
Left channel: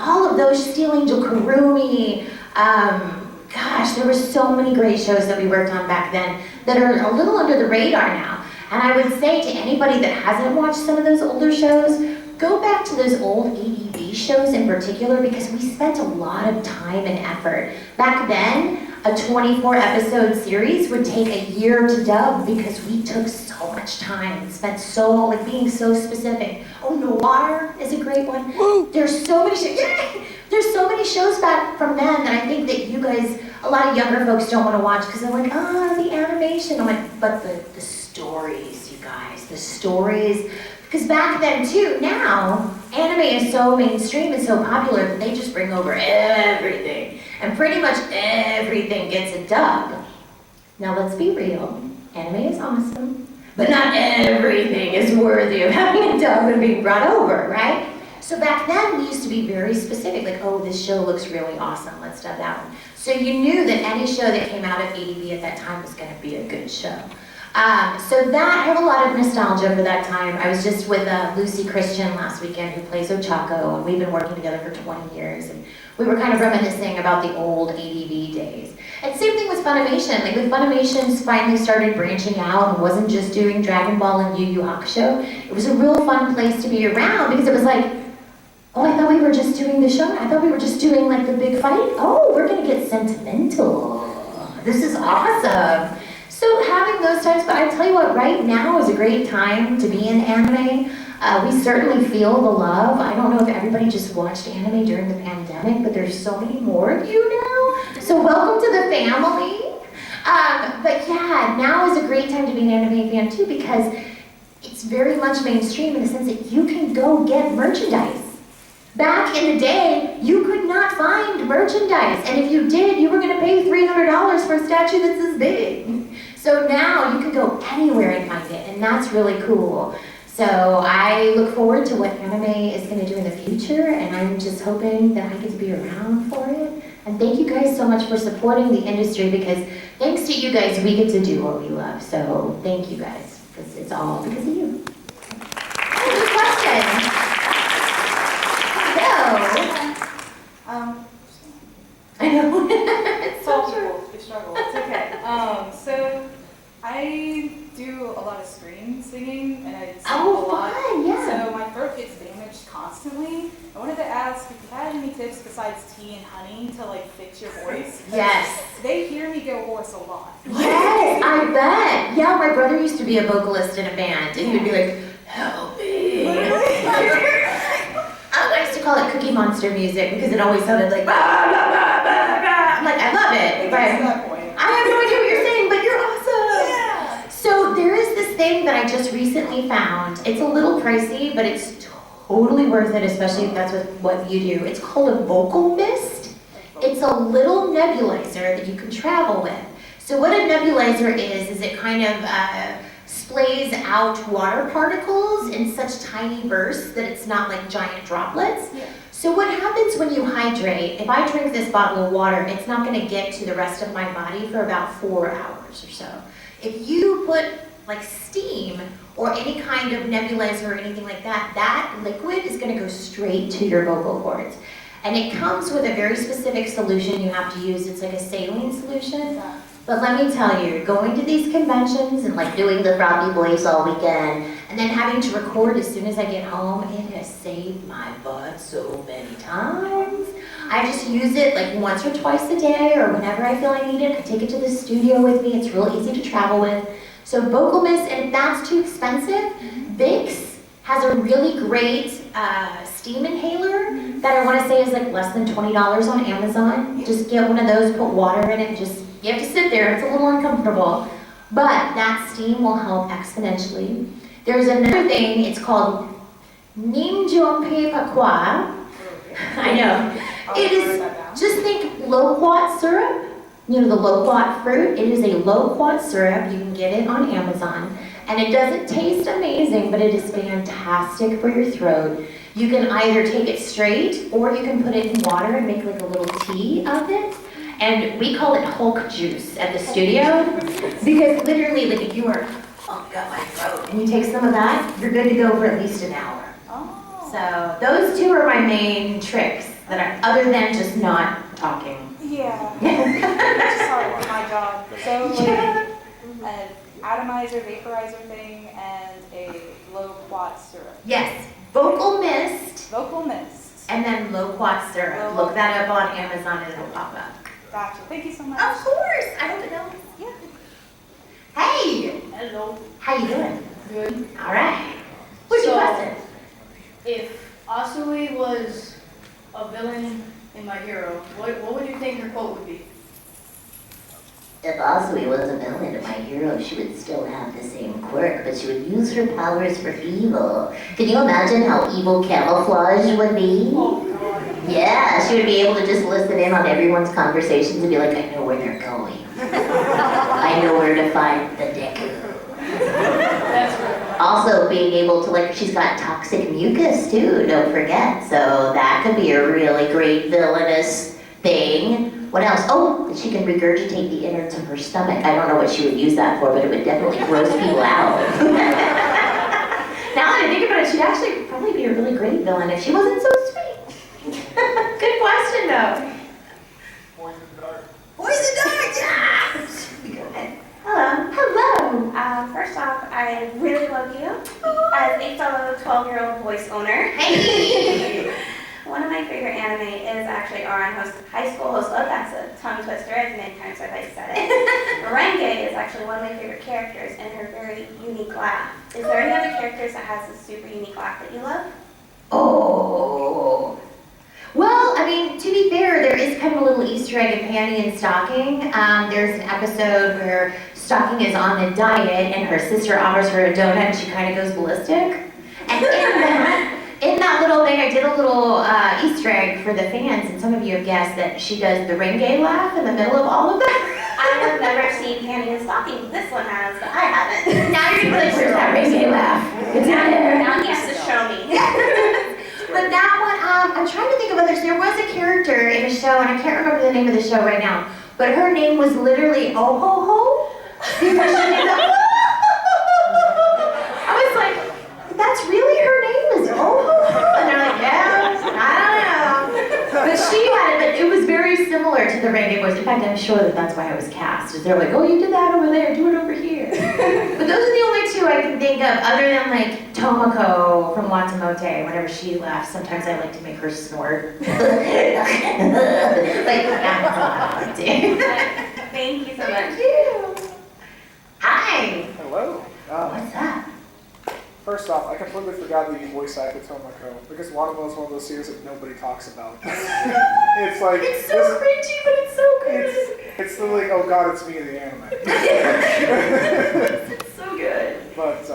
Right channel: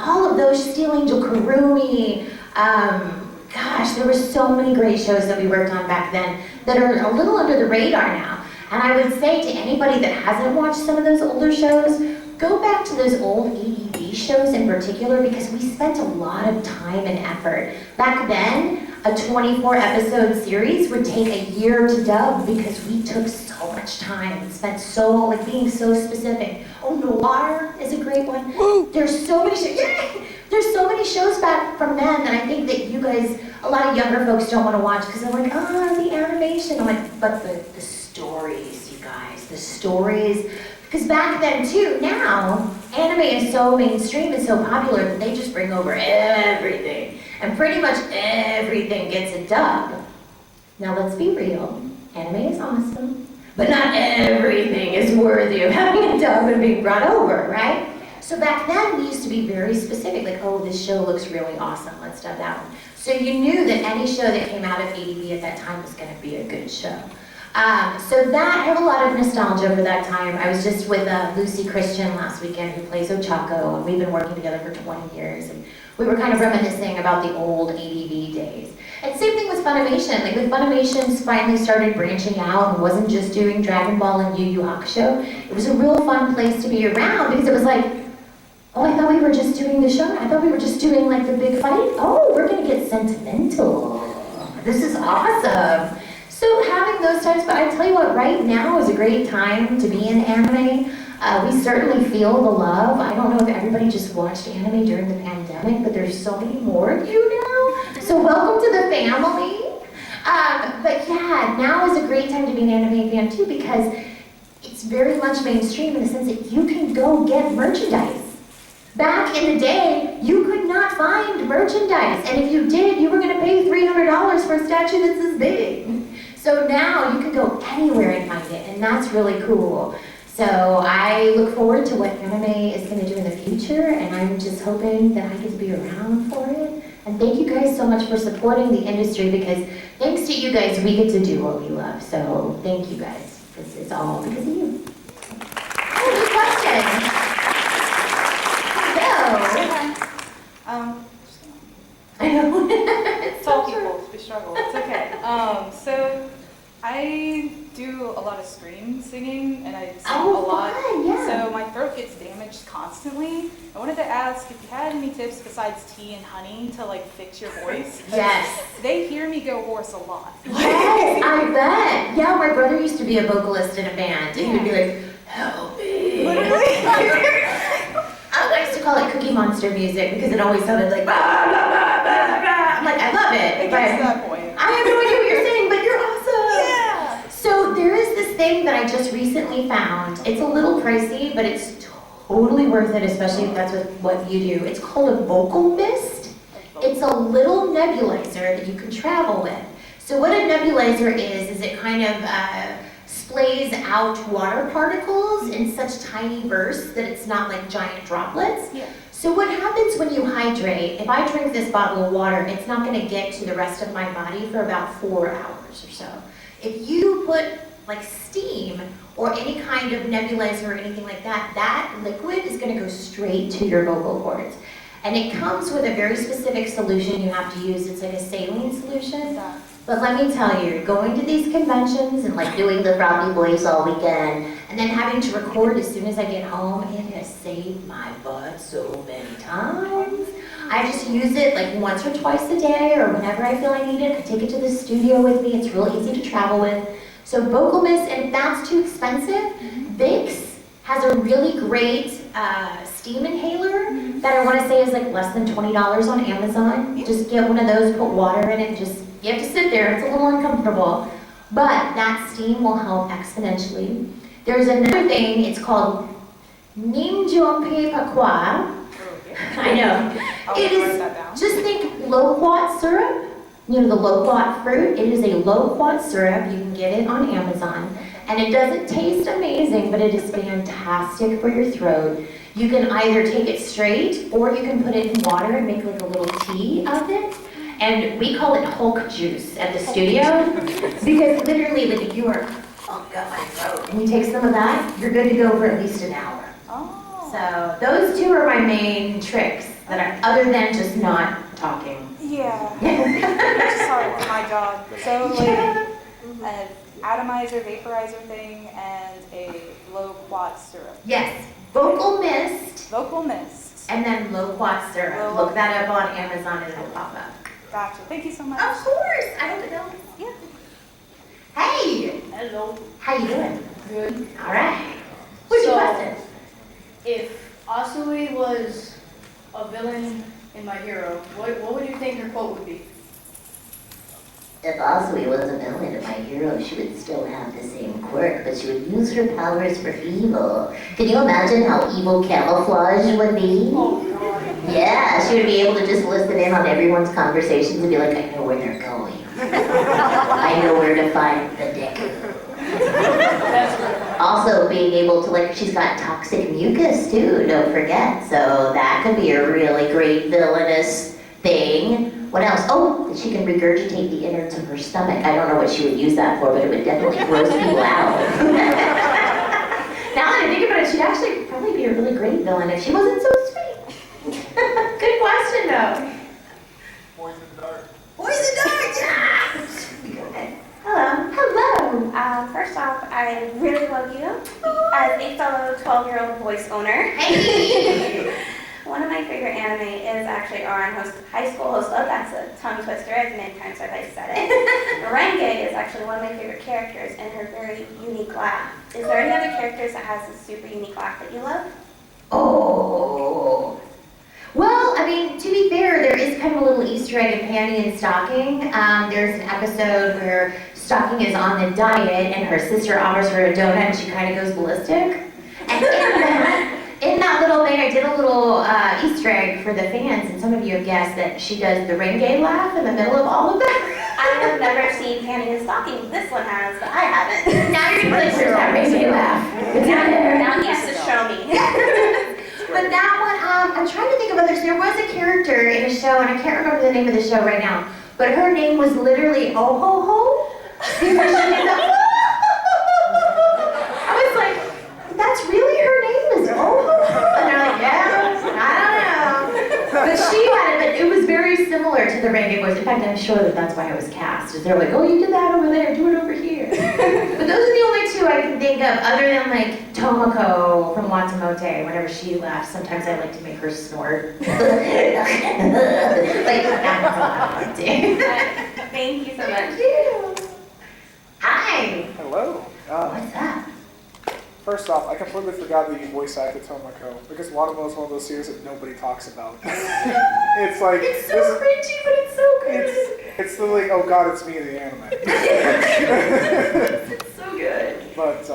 all of those, Steel Angel Kurumi. There were so many great shows that we worked on back then that are a little under the radar now. And I would say to anybody that hasn't watched some of those older shows, go back to those old ADV shows in particular because we spent a lot of time and effort. Back then, a 24 episode series would take a year to dub because we took so much time and spent being so specific. Oh, Noir is a great one. There's so many shows. There's so many shows back from then that I think that you guys, a lot of younger folks don't want to watch because they're like, the animation. I'm like, but the stories, you guys, the stories. Because back then too, now, anime is so mainstream and so popular that they just bring over everything. And pretty much everything gets a dub. Now let's be real, anime is awesome, but not everything is worthy of having a dub and being brought over, right? So back then we used to be very specific, like, oh, this show looks really awesome, let's dub that one. So you knew that any show that came out of ADV at that time was gonna be a good show. So that, I have a lot of nostalgia for that time. I was just with Lucy Christian last weekend, who plays Ochako, and we've been working together for 20 years, and we were kind of reminiscing about the old ADV days. And same thing with Funimation. Like, with Funimation finally started branching out and wasn't just doing Dragon Ball and Yu Yu Hakusho. It was a real fun place to be around because it was like, oh, I thought we were just doing the show. I thought we were just doing like the big fight. Oh, we're gonna get sentimental. This is awesome. So having those times, but I tell you what, right now is a great time to be in anime. We certainly feel the love. I don't know if everybody just watched anime during the pandemic, but there's so many more of you now. So welcome to the family. But yeah, now is a great time to be an anime fan too because it's very much mainstream in the sense that you can go get merchandise. Back in the day, you could not find merchandise, and if you did, you were going to pay $300 for a statue that's this big. So now you can go anywhere and find it, and that's really cool. So I look forward to what anime is going to do in the future, and I'm just hoping that I get to be around for it. And thank you guys so much for supporting the industry, because thanks to you guys, we get to do what we love. So thank you guys, because it's all because of you. Oh, good question. I know. It's all people, we struggle. It's okay. So I do a lot of scream singing, and I sing a lot. Fun, yeah. So my throat gets damaged constantly. I wanted to ask if you had any tips besides tea and honey to like fix your voice. Yes. They hear me go hoarse a lot. Yes, I bet. Yeah, my brother used to be a vocalist in a band, and he'd be like, help me. I used to call it Cookie Monster music because it always sounded like, bah, bah, bah, bah, bah. I'm like, I love it. But I have no idea what you're saying, but you're awesome. Yeah. So there is this thing that I just recently found. It's a little pricey, but it's totally worth it, especially if that's what you do. It's called a vocal mist. It's a little nebulizer that you can travel with. So what a nebulizer is it kind of splays out water particles in such tiny bursts that it's not like giant droplets. Yeah. So what happens when you hydrate, if I drink this bottle of water, it's not going to get to the rest of my body for about 4 hours or so. If you put like steam or any kind of nebulizer or anything like that, that liquid is gonna go straight to your vocal cords. And it comes with a very specific solution you have to use. It's like a saline solution. But let me tell you, going to these conventions and like doing the frothy voice all weekend, and then having to record as soon as I get home, it has saved my butt so many times. I just use it like once or twice a day, or whenever I feel I need it. I take it to the studio with me. It's real easy to travel with. So Vocal Mist, and if that's too expensive, Vicks has a really great steam inhaler that I want to say is like less than $20 on Amazon. Just get one of those, put water in it, just you have to sit there. It's a little uncomfortable, but that steam will help exponentially. There's another thing. It's called Nimjompe Pakwa. I know. It is, just think loquat syrup. You know the loquat fruit? It is a loquat syrup. You can get it on Amazon. And it doesn't taste amazing, but it is fantastic for your throat. You can either take it straight, or you can put it in water and make like a little tea of it. And we call it Hulk juice at the studio, because literally, like if you are, oh, got my throat, and you take some of that, you're good to go for at least an hour. Oh. So those two are my main tricks that are, other than just not talking. Yeah. That's just how my job. So like an atomizer, vaporizer thing, and a loquat syrup. Yes, Vocal Mist. Vocal Mist. And then loquat syrup. Look that up on Amazon and it'll pop up. Gotcha. Thank you so much. Of course. I hope it helps. Yeah. Hey. Hello. How you doing? Good. All right. What's your question? If Asui was a villain in My Hero, what would you think her quote would be? If Asui was a villain in My Hero, she would still have the same quirk, but she would use her powers for evil. Can you imagine how evil camouflage would be? Oh, God. Yeah, she would be able to just listen in on everyone's conversations and be like, I know where they're going. I know where to find the Deku. That's right. Also being able to, like, she's got toxic mucus too, don't forget. So that could be a really great villainous thing. What else? Oh, she can regurgitate the innards of her stomach. I don't know what she would use that for, but it would definitely gross people out. Now that I think about it, she'd actually probably be a really great villain if she wasn't so sweet. Good question, though. Boys in the dark. Boys in the dark, yeah! Hello. Hello. First off, I really love you as a fellow 12-year-old voice owner. Hey! One of my favorite anime is actually Ouran High School Host Love. That's a tongue twister, as many times as I said it. Renge is actually one of my favorite characters and her very unique laugh. Is there any other characters that has a super unique laugh that you love? Oh. Well, I mean, to be fair, there is kind of a little Easter egg in Panty and Stocking. There's an episode where Stocking is on a diet and her sister offers her a donut and she kind of goes ballistic. And in that little thing, I did a little Easter egg for the fans, and some of you have guessed that she does the Renge laugh in the middle of all of that. I have never seen Panty and Stocking. This one has, but I haven't. Now you're going to put that Renge laugh. It's not there. Now he has to show me. But that one, I'm trying to think of others. There was a character in a show, and I can't remember the name of the show right now, but her name was literally Oh Ho Ho. Because she did the I was like, that's really her name is Oh Ho Ho? And they're like, yeah, I don't know. But she had it, but it was very similar to the Renge voice. In fact, I'm sure that that's why I was cast. Is they're like, oh, you did that over there, do it over here. But those are the only two I can think of, other than like Tomoko from Watamote. Whenever she laughs, sometimes I like to make her snort. Like, that's what I like to. Thank you so much. Thank you. Hi. Hello. What's up? First off, I completely forgot that you voice acted Tomoko, because Watamote is one of those series that nobody talks about. It's like It's so cringy, but it's so good. It's the like, oh god, it's me, the anime. It's so good. But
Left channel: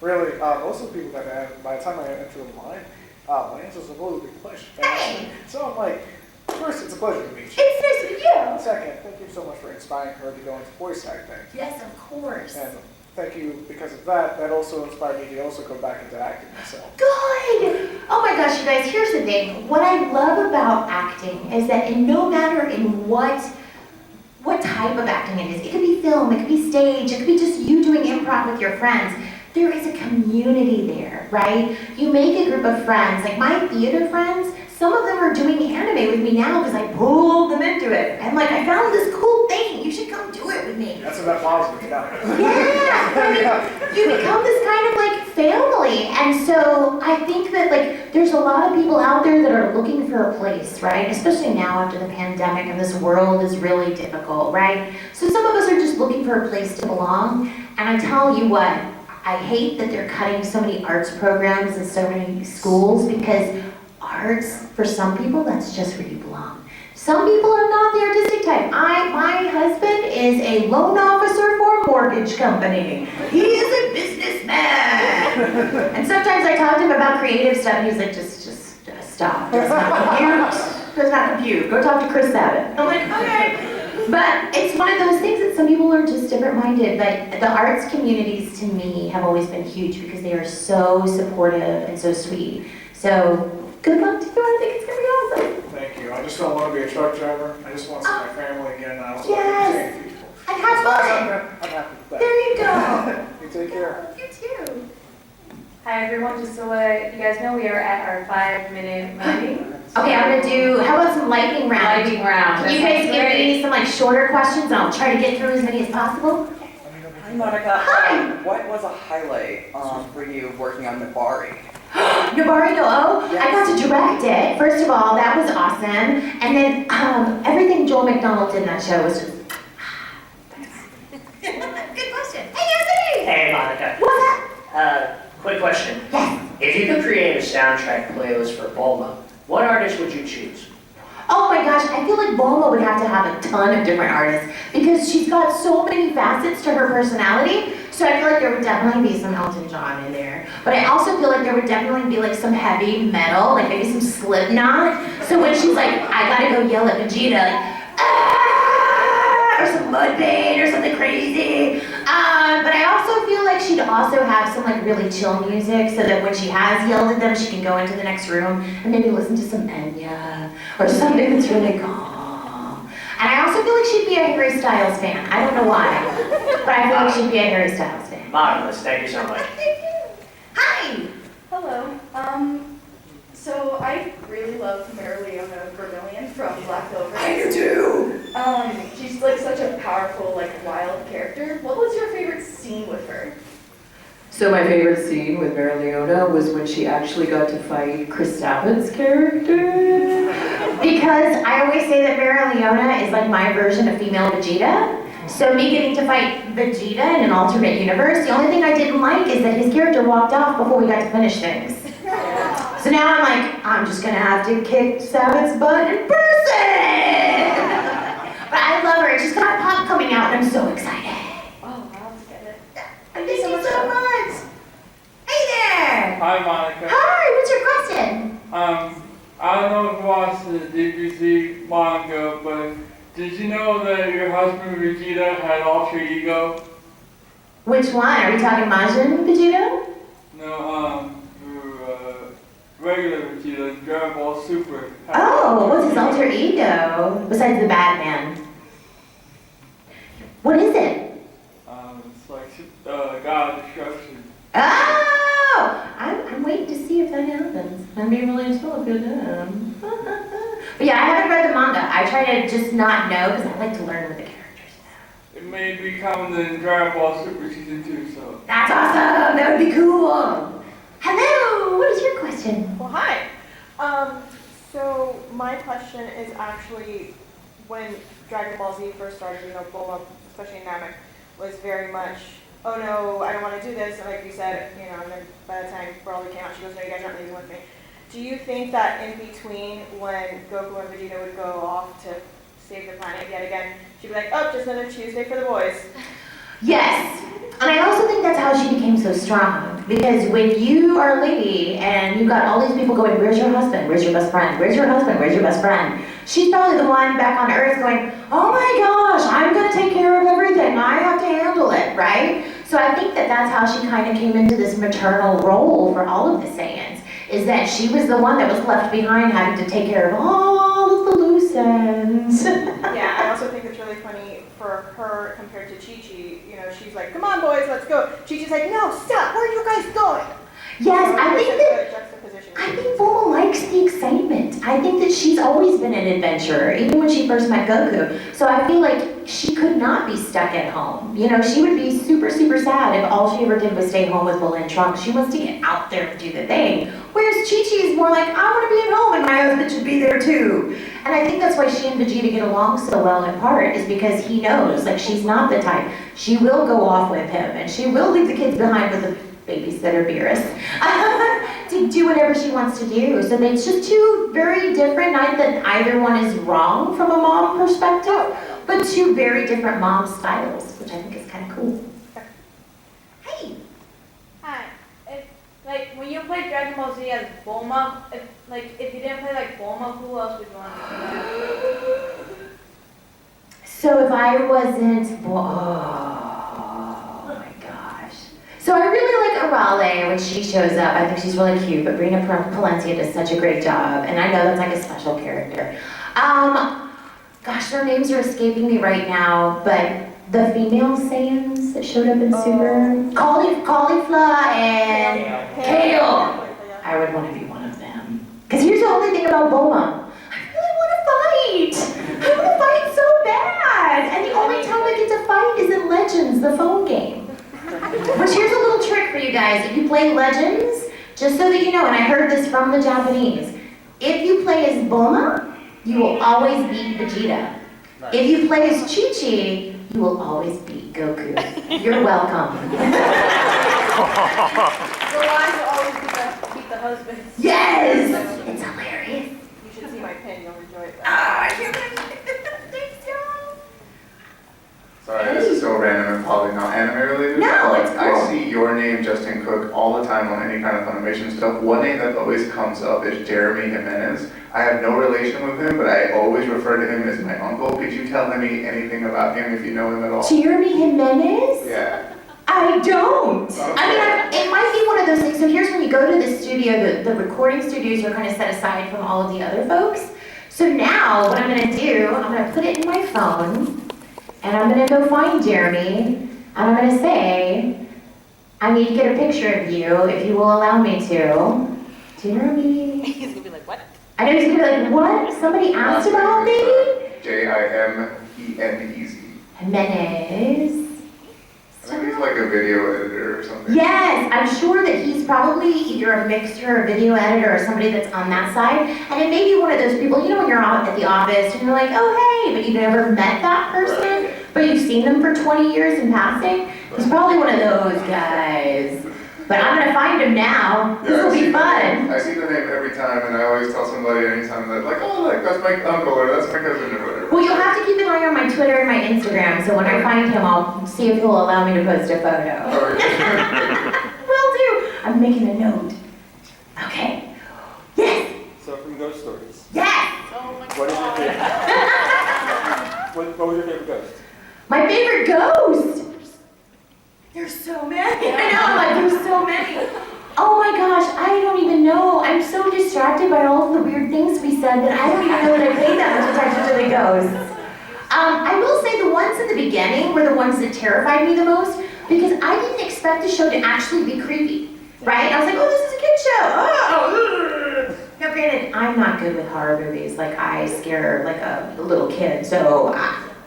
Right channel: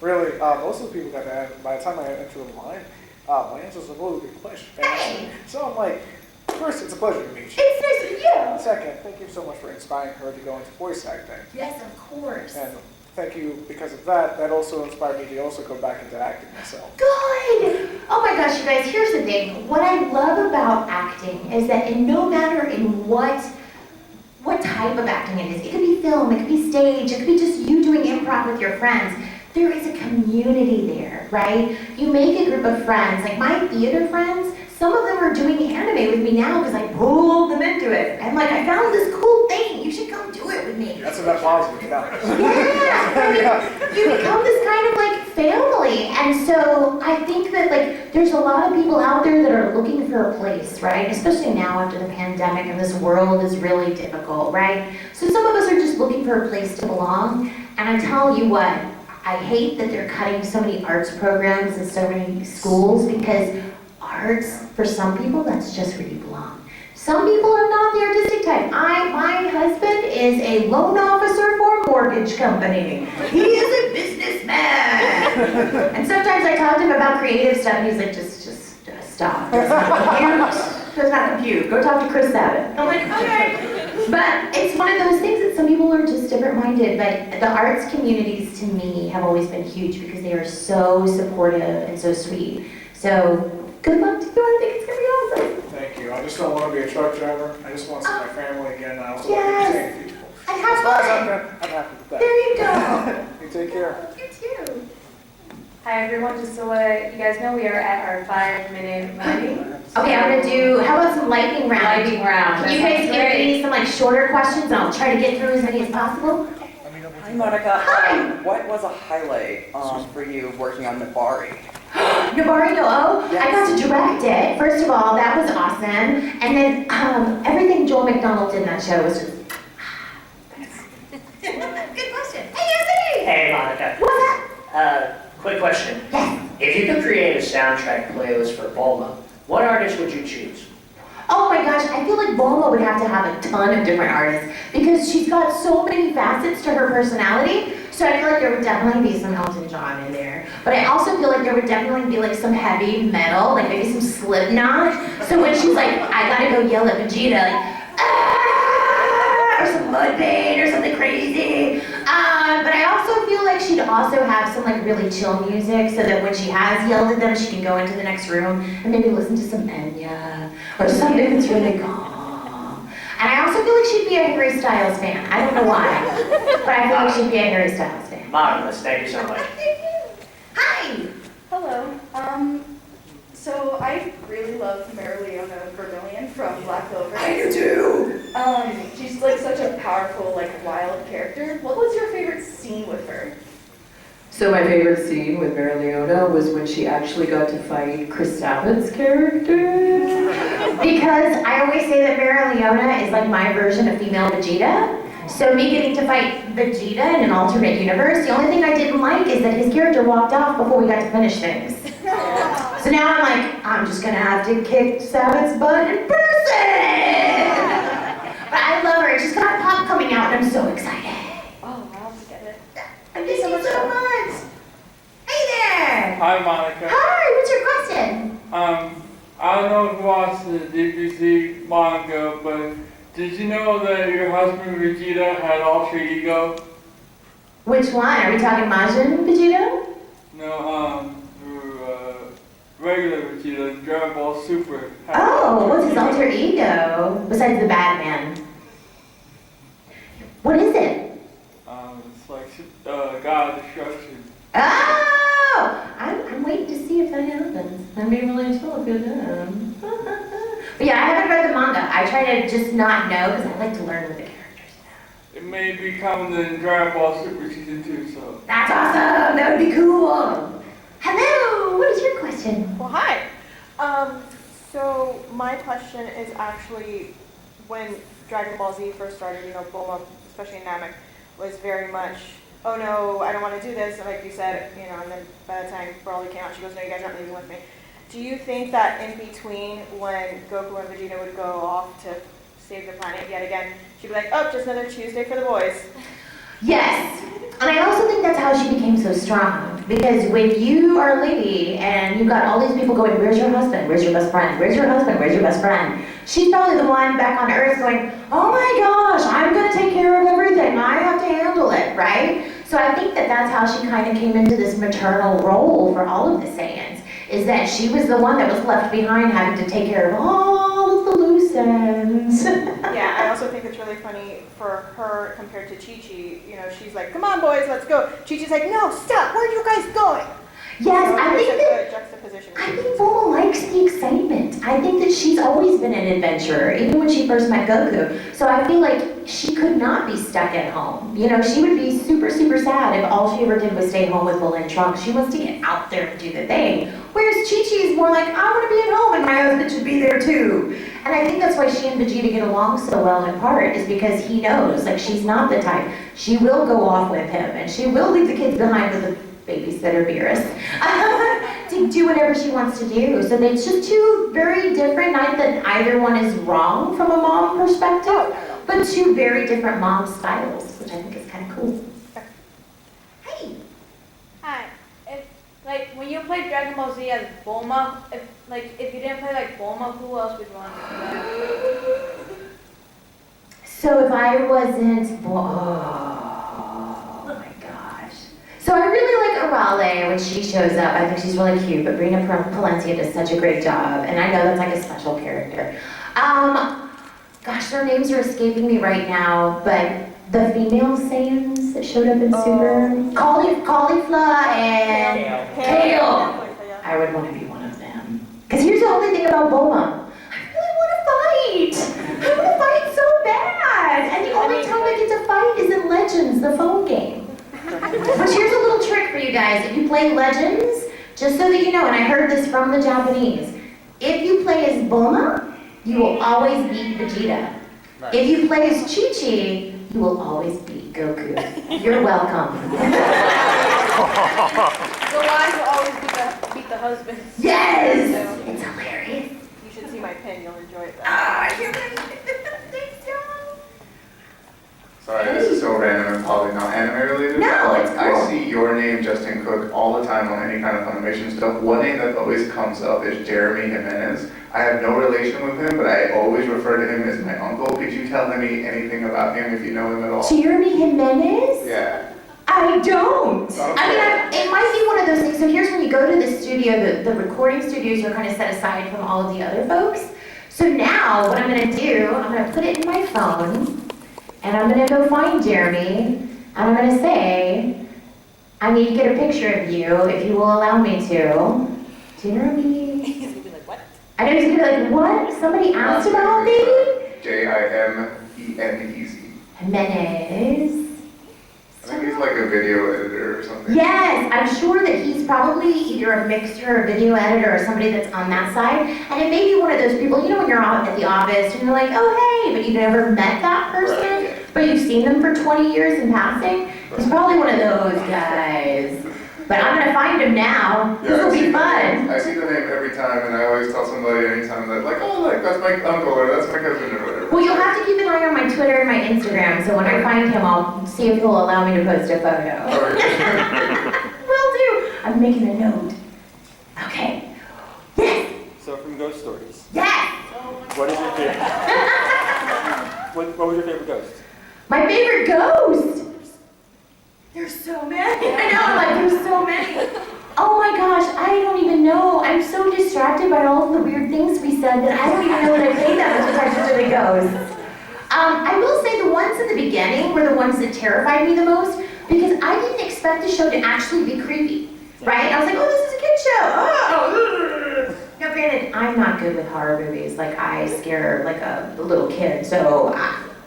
really, most of the people that by the time I enter the line, my answers are really big pleasure. Hey. So I'm like, first, it's a pleasure to meet you. It's nice to meet you. Second, thank you so much for inspiring her to go into voice acting. Yes, of course. And thank you, because of that, that also inspired me to also go back into acting myself. Good! Oh my gosh, you guys, here's the thing. What I love about acting is that no matter in what type of acting it is, it could be film, it could be stage, it could be just you doing improv with your friends, there is a community there, right? You make a group of friends. Like my theater friends, some of them are doing anime with me now because I pulled them into it. I'm like, I found this cool thing. You should come do it with me. That's a net positive, yeah. Yeah, you become this kind of like family. And so I think that like there's a lot of people out there that are looking for a place, right? Especially now after the pandemic and this world is really difficult, right? So some of us are just looking for a place to belong. And I tell you what, I hate that they're cutting so many arts programs in so many schools because arts, for some people, that's just where you belong. Some people are not the artistic type. My husband is a loan officer for a mortgage company. He is a businessman. And sometimes I talk to him about creative stuff and he's like, just stop. Does not compute. Does not compute. Go talk to Chris Sabat. I'm like, okay. But it's one of those things that some people are just different-minded. But the arts communities, to me, have always been huge because they are so supportive and so sweet. So good luck to you. I think it's going to be awesome. Thank you. I just don't want to be a truck driver. I just want to see my family again. I also Yes. like to see people. And have fun. I'm happy with that. There you go. You take care. You too. Hi everyone, just to let you guys know, we are at our 5-minute meeting. Okay, I'm gonna do, how about some lightning round? Lightning round. Can you guys give me some like shorter questions and I'll try to get through as many as possible? Hi Monica. Hi. What was a highlight for you working on Nabari? Nabari no O? I got to direct it. First of all, that was awesome. And then everything Joel McDonald did in that show was just, good question. Hey, Anthony! Hey, Monica. What's up? Quick question. Yes. If you could create a soundtrack playlist for Bulma, what artist would you choose? Oh my gosh, I feel like Bulma would have to have a ton of different artists because she's got so many facets to her personality. So I feel like there would definitely be some Elton John in there. But I also feel like there would definitely be like some heavy metal, like maybe some Slipknot. So when she's like, I gotta go yell at Vegeta, like, or some Mudvayne or something crazy. But I also feel like she'd also have some like really chill music so that when she has yelled at them, she can go into the next room and maybe listen to some Enya or something that's really calm. And I also feel like she'd be a Harry Styles fan. I don't know why, but I feel like she'd be a Harry Styles fan. Marvelous, thank you so much. Hi! Hello. So I really love Mereoleona Vermillion from Black Clover. I do too! She's like such a powerful, like wild character. What was your favorite scene with her? So my favorite scene with Mereoleona was when she actually got to fight Chris Sabat's character. Because I always say that Mereoleona is like my version of female Vegeta. So me getting to fight Vegeta in an alternate universe, the only thing I didn't like is that his character walked off before we got to finish things. So now I'm like, I'm just gonna have to kick Sabat's butt in person! But I love her, she's got pop coming out and I'm so excited. Oh, I'll have to get it. Thank you so much! Hey there! Hi, Monica. Hi, what's your question? I don't know if you watched the DBZ manga, but did you know that your husband Vegeta had alter ego? Which one? Are we talking Majin Vegeta? No, regular Vegeta, Dragon Ball Super. Oh, what's his alter ego? Besides the Batman. What is it? It's like God of Destruction. Oh! I'm waiting to see if that happens. I'm being really told if it does. But yeah, I haven't read the manga. I try to just not know because I like to learn with the characters. It may be coming in Dragon Ball Super Season 2, so. That's awesome! That would be cool! Hello! What is your question? Well, hi. So my question is actually when Dragon Ball Z first started, you know, Bulma, especially Namek, was very much, oh no, I don't want to do this, and like you said, you know, and then by the time Broly came out, she goes, no, you guys aren't leaving with me. Do you think that in between when Goku and Vegeta would go off to save the planet yet again, she'd be like, oh, just another Tuesday for the boys? Yes! And I also think that's how she became so strong. Because when you are a lady and you've got all these people going, where's your husband? Where's your best friend? Where's your husband? Where's your best friend? She's probably the one back on Earth going, oh my gosh, I'm going to take care of everything. I have to handle it, right? So I think that that's how she kind of came into this maternal role for all of the Saiyans. Is that she was the one that was left behind having to take care of all of the loose sense. Yeah, I also think it's really funny for her compared to Chi-Chi. You know, she's like, come on boys, let's go. Chi-Chi's like, no, stop, where are you guys going? Yes, So I there's think a that good juxtaposition. I think Bulma likes the excitement. I think that she's always been an adventurer, even when she first met Goku. So I feel like she could not be stuck at home. You know, she would be super, super sad if all she ever did was stay home with Bulma and Trunks. She wants to get out there and do the thing. Whereas Chi-Chi is more like, I want to be at home and my husband should be there too. And I think that's why she and Vegeta get along so well in part, is because he knows, like, she's not the type. She will go off with him and she will leave the kids behind with the babysitter Beerus to do whatever she wants to do. So it's just two very different, not that either one is wrong from a mom perspective, but two very different mom styles, which I think is kind of cool. Hey! Hi. Like, when you played Dragon Ball Z as Bulma, if you didn't play like Bulma, who else would you want to play? So if I wasn't, oh my gosh. So I really like Arale when she shows up. I think she's really cute, but Brina Palencia does such a great job, and I know that's like a special character. Gosh, their names are escaping me right now, but the female Saiyans that showed up in Super, Caulifla and Kale. I would want to be one of them. Because here's the only thing about Bulma. I really want to fight. I want to fight so bad. And the only time I get to fight is in Legends, the phone game. But here's a little trick for you guys. If you play Legends, just so that you know, and I heard this from the Japanese, if you play as Bulma, you will always beat Vegeta. Nice. If you play as Chi-Chi, you will always beat Goku. You're welcome. The wives will always beat the husbands. Yes! It's hilarious. You should see my pin, you'll enjoy it. Thanks, y'all. Sorry, this is so random and probably not anime related. No, but it's cool. I see your name, Justin Cook, all the time on any kind of Funimation stuff. One name that always comes up is Jeremy Jimenez. I have no relation with him, but I always refer to him as my uncle. Could you tell me anything about him if you know him at all? Jeremy Jimenez? Yeah. I don't. Okay. I mean, it might be one of those things. So here's when you go to the studio, the recording studios are kind of set aside from all of the other folks. So now what I'm going to do, I'm going to put it in my phone, and I'm going to go find Jeremy, and I'm going to say, I need to get a picture of you if you will allow me to. Jeremy. He's gonna be like, what? I know he's going to be like, what? Somebody asked about me? Jimenez. Jimenez. I think he's like a video editor or something. Yes, I'm sure that he's probably either a mixer, a video editor, or somebody that's on that side. And it may be one of those people, you know, when you're out at the office and you're like, oh, hey, but you've never met that person, but you've seen them for 20 years in passing. He's probably one of those guys. But I'm going to find him now. This will be fun. I see the name every time, and I always tell somebody anytime that, like, oh, look, that's my uncle, or that's my cousin, or whatever. Well, you'll have to keep an eye on my Twitter and my Instagram, so when I find him, I'll see if he'll allow me to post a photo. Will do. I'm making a note. Okay. Yes. So from Ghost Stories. Yes. What is your favorite? what was your favorite ghost? My favorite ghost. There's so many. I know, I'm like, there's so many. Oh my gosh, I don't even know. I'm so distracted by all of the weird things we said that I don't even know that I paid that much attention to the ghosts. I will say the ones in the beginning were the ones that terrified me the most because I didn't expect the show to actually be creepy, right? I was like, oh, this is a kid's show. Oh. Now granted, I'm not good with horror movies. Like, I scare like a little kid, so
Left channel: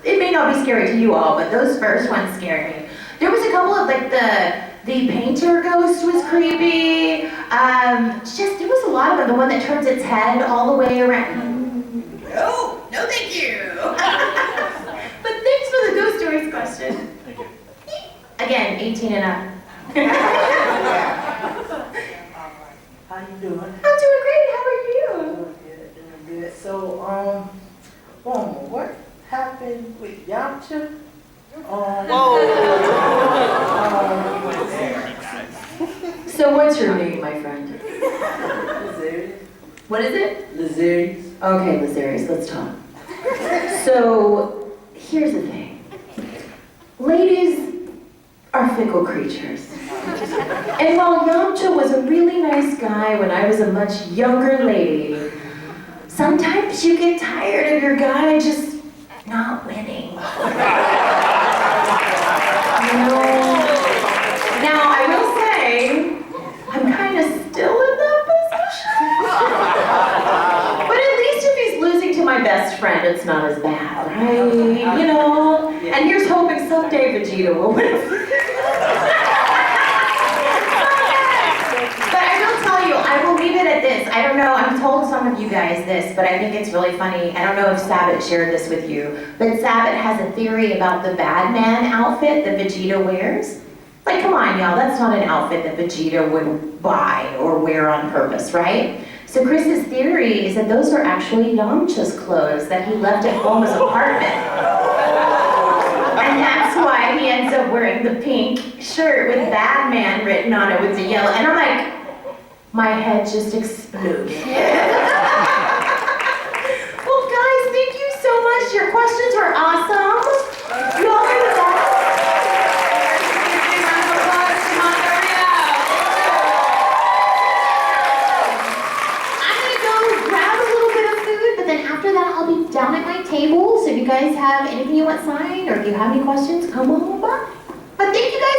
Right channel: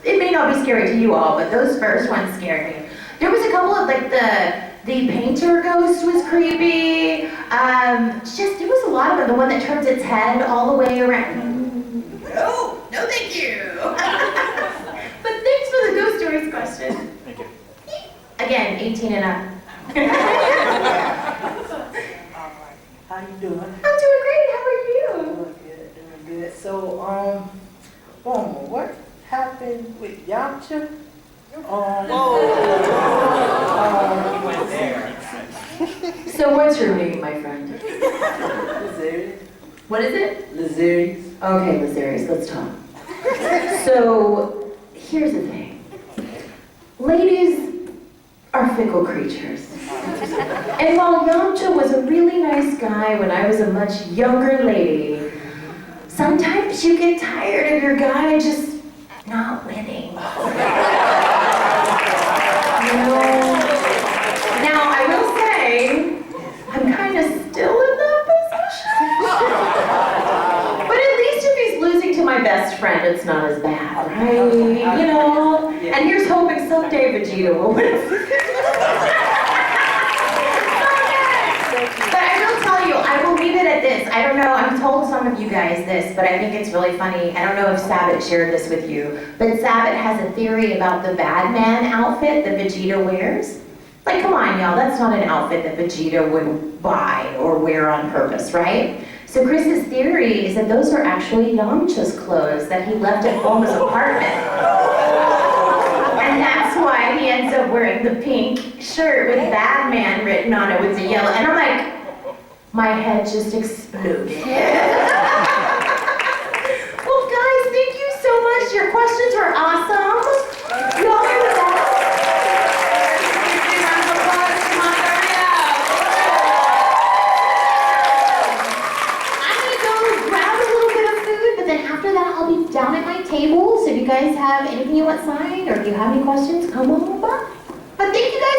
it may not be scary to you all, but those first ones scared me. There was a couple of, like, the painter ghost was creepy. There was a lot of them. The one that turns its head all the way around. No thank you. But thanks for the ghost stories question. Thank you. Again, 18 and up. How you doing? I'm doing great, how are you? Doing good. So, what happened with Yamcha? So what's your name, my friend? Lazarius. What is it? Lazarius. Okay, Lazarius, let's talk. So, here's the thing. Ladies are fickle creatures. And while Yamcha was a really nice guy when I was a much younger lady, sometimes you get tired of your guy just not winning. Now, I will say, I'm kind of still in that position. But at least if he's losing to my best friend, it's not as bad, right? You know? And here's hoping someday Vegeta will win. But I will tell you, I will leave it at this. I don't know, I've told some of you guys this, but I think it's really funny. I don't know if Sabat shared this with you, but Sabat has a theory about the bad man outfit that Vegeta wears. Like, come on, y'all, that's not an outfit that Vegeta would buy or wear on purpose, right? So Chris's theory is that those are actually Yamcha's clothes that he left at Bulma's apartment. And that's why he ends up wearing the pink shirt with Bad Man written on it with the yellow. And I'm like, my head just exploded. Well, guys, thank you so much. Your questions were awesome. You all are the best. Down at my table, so if you guys have anything you want signed or if you have any questions, come on by. But thank you guys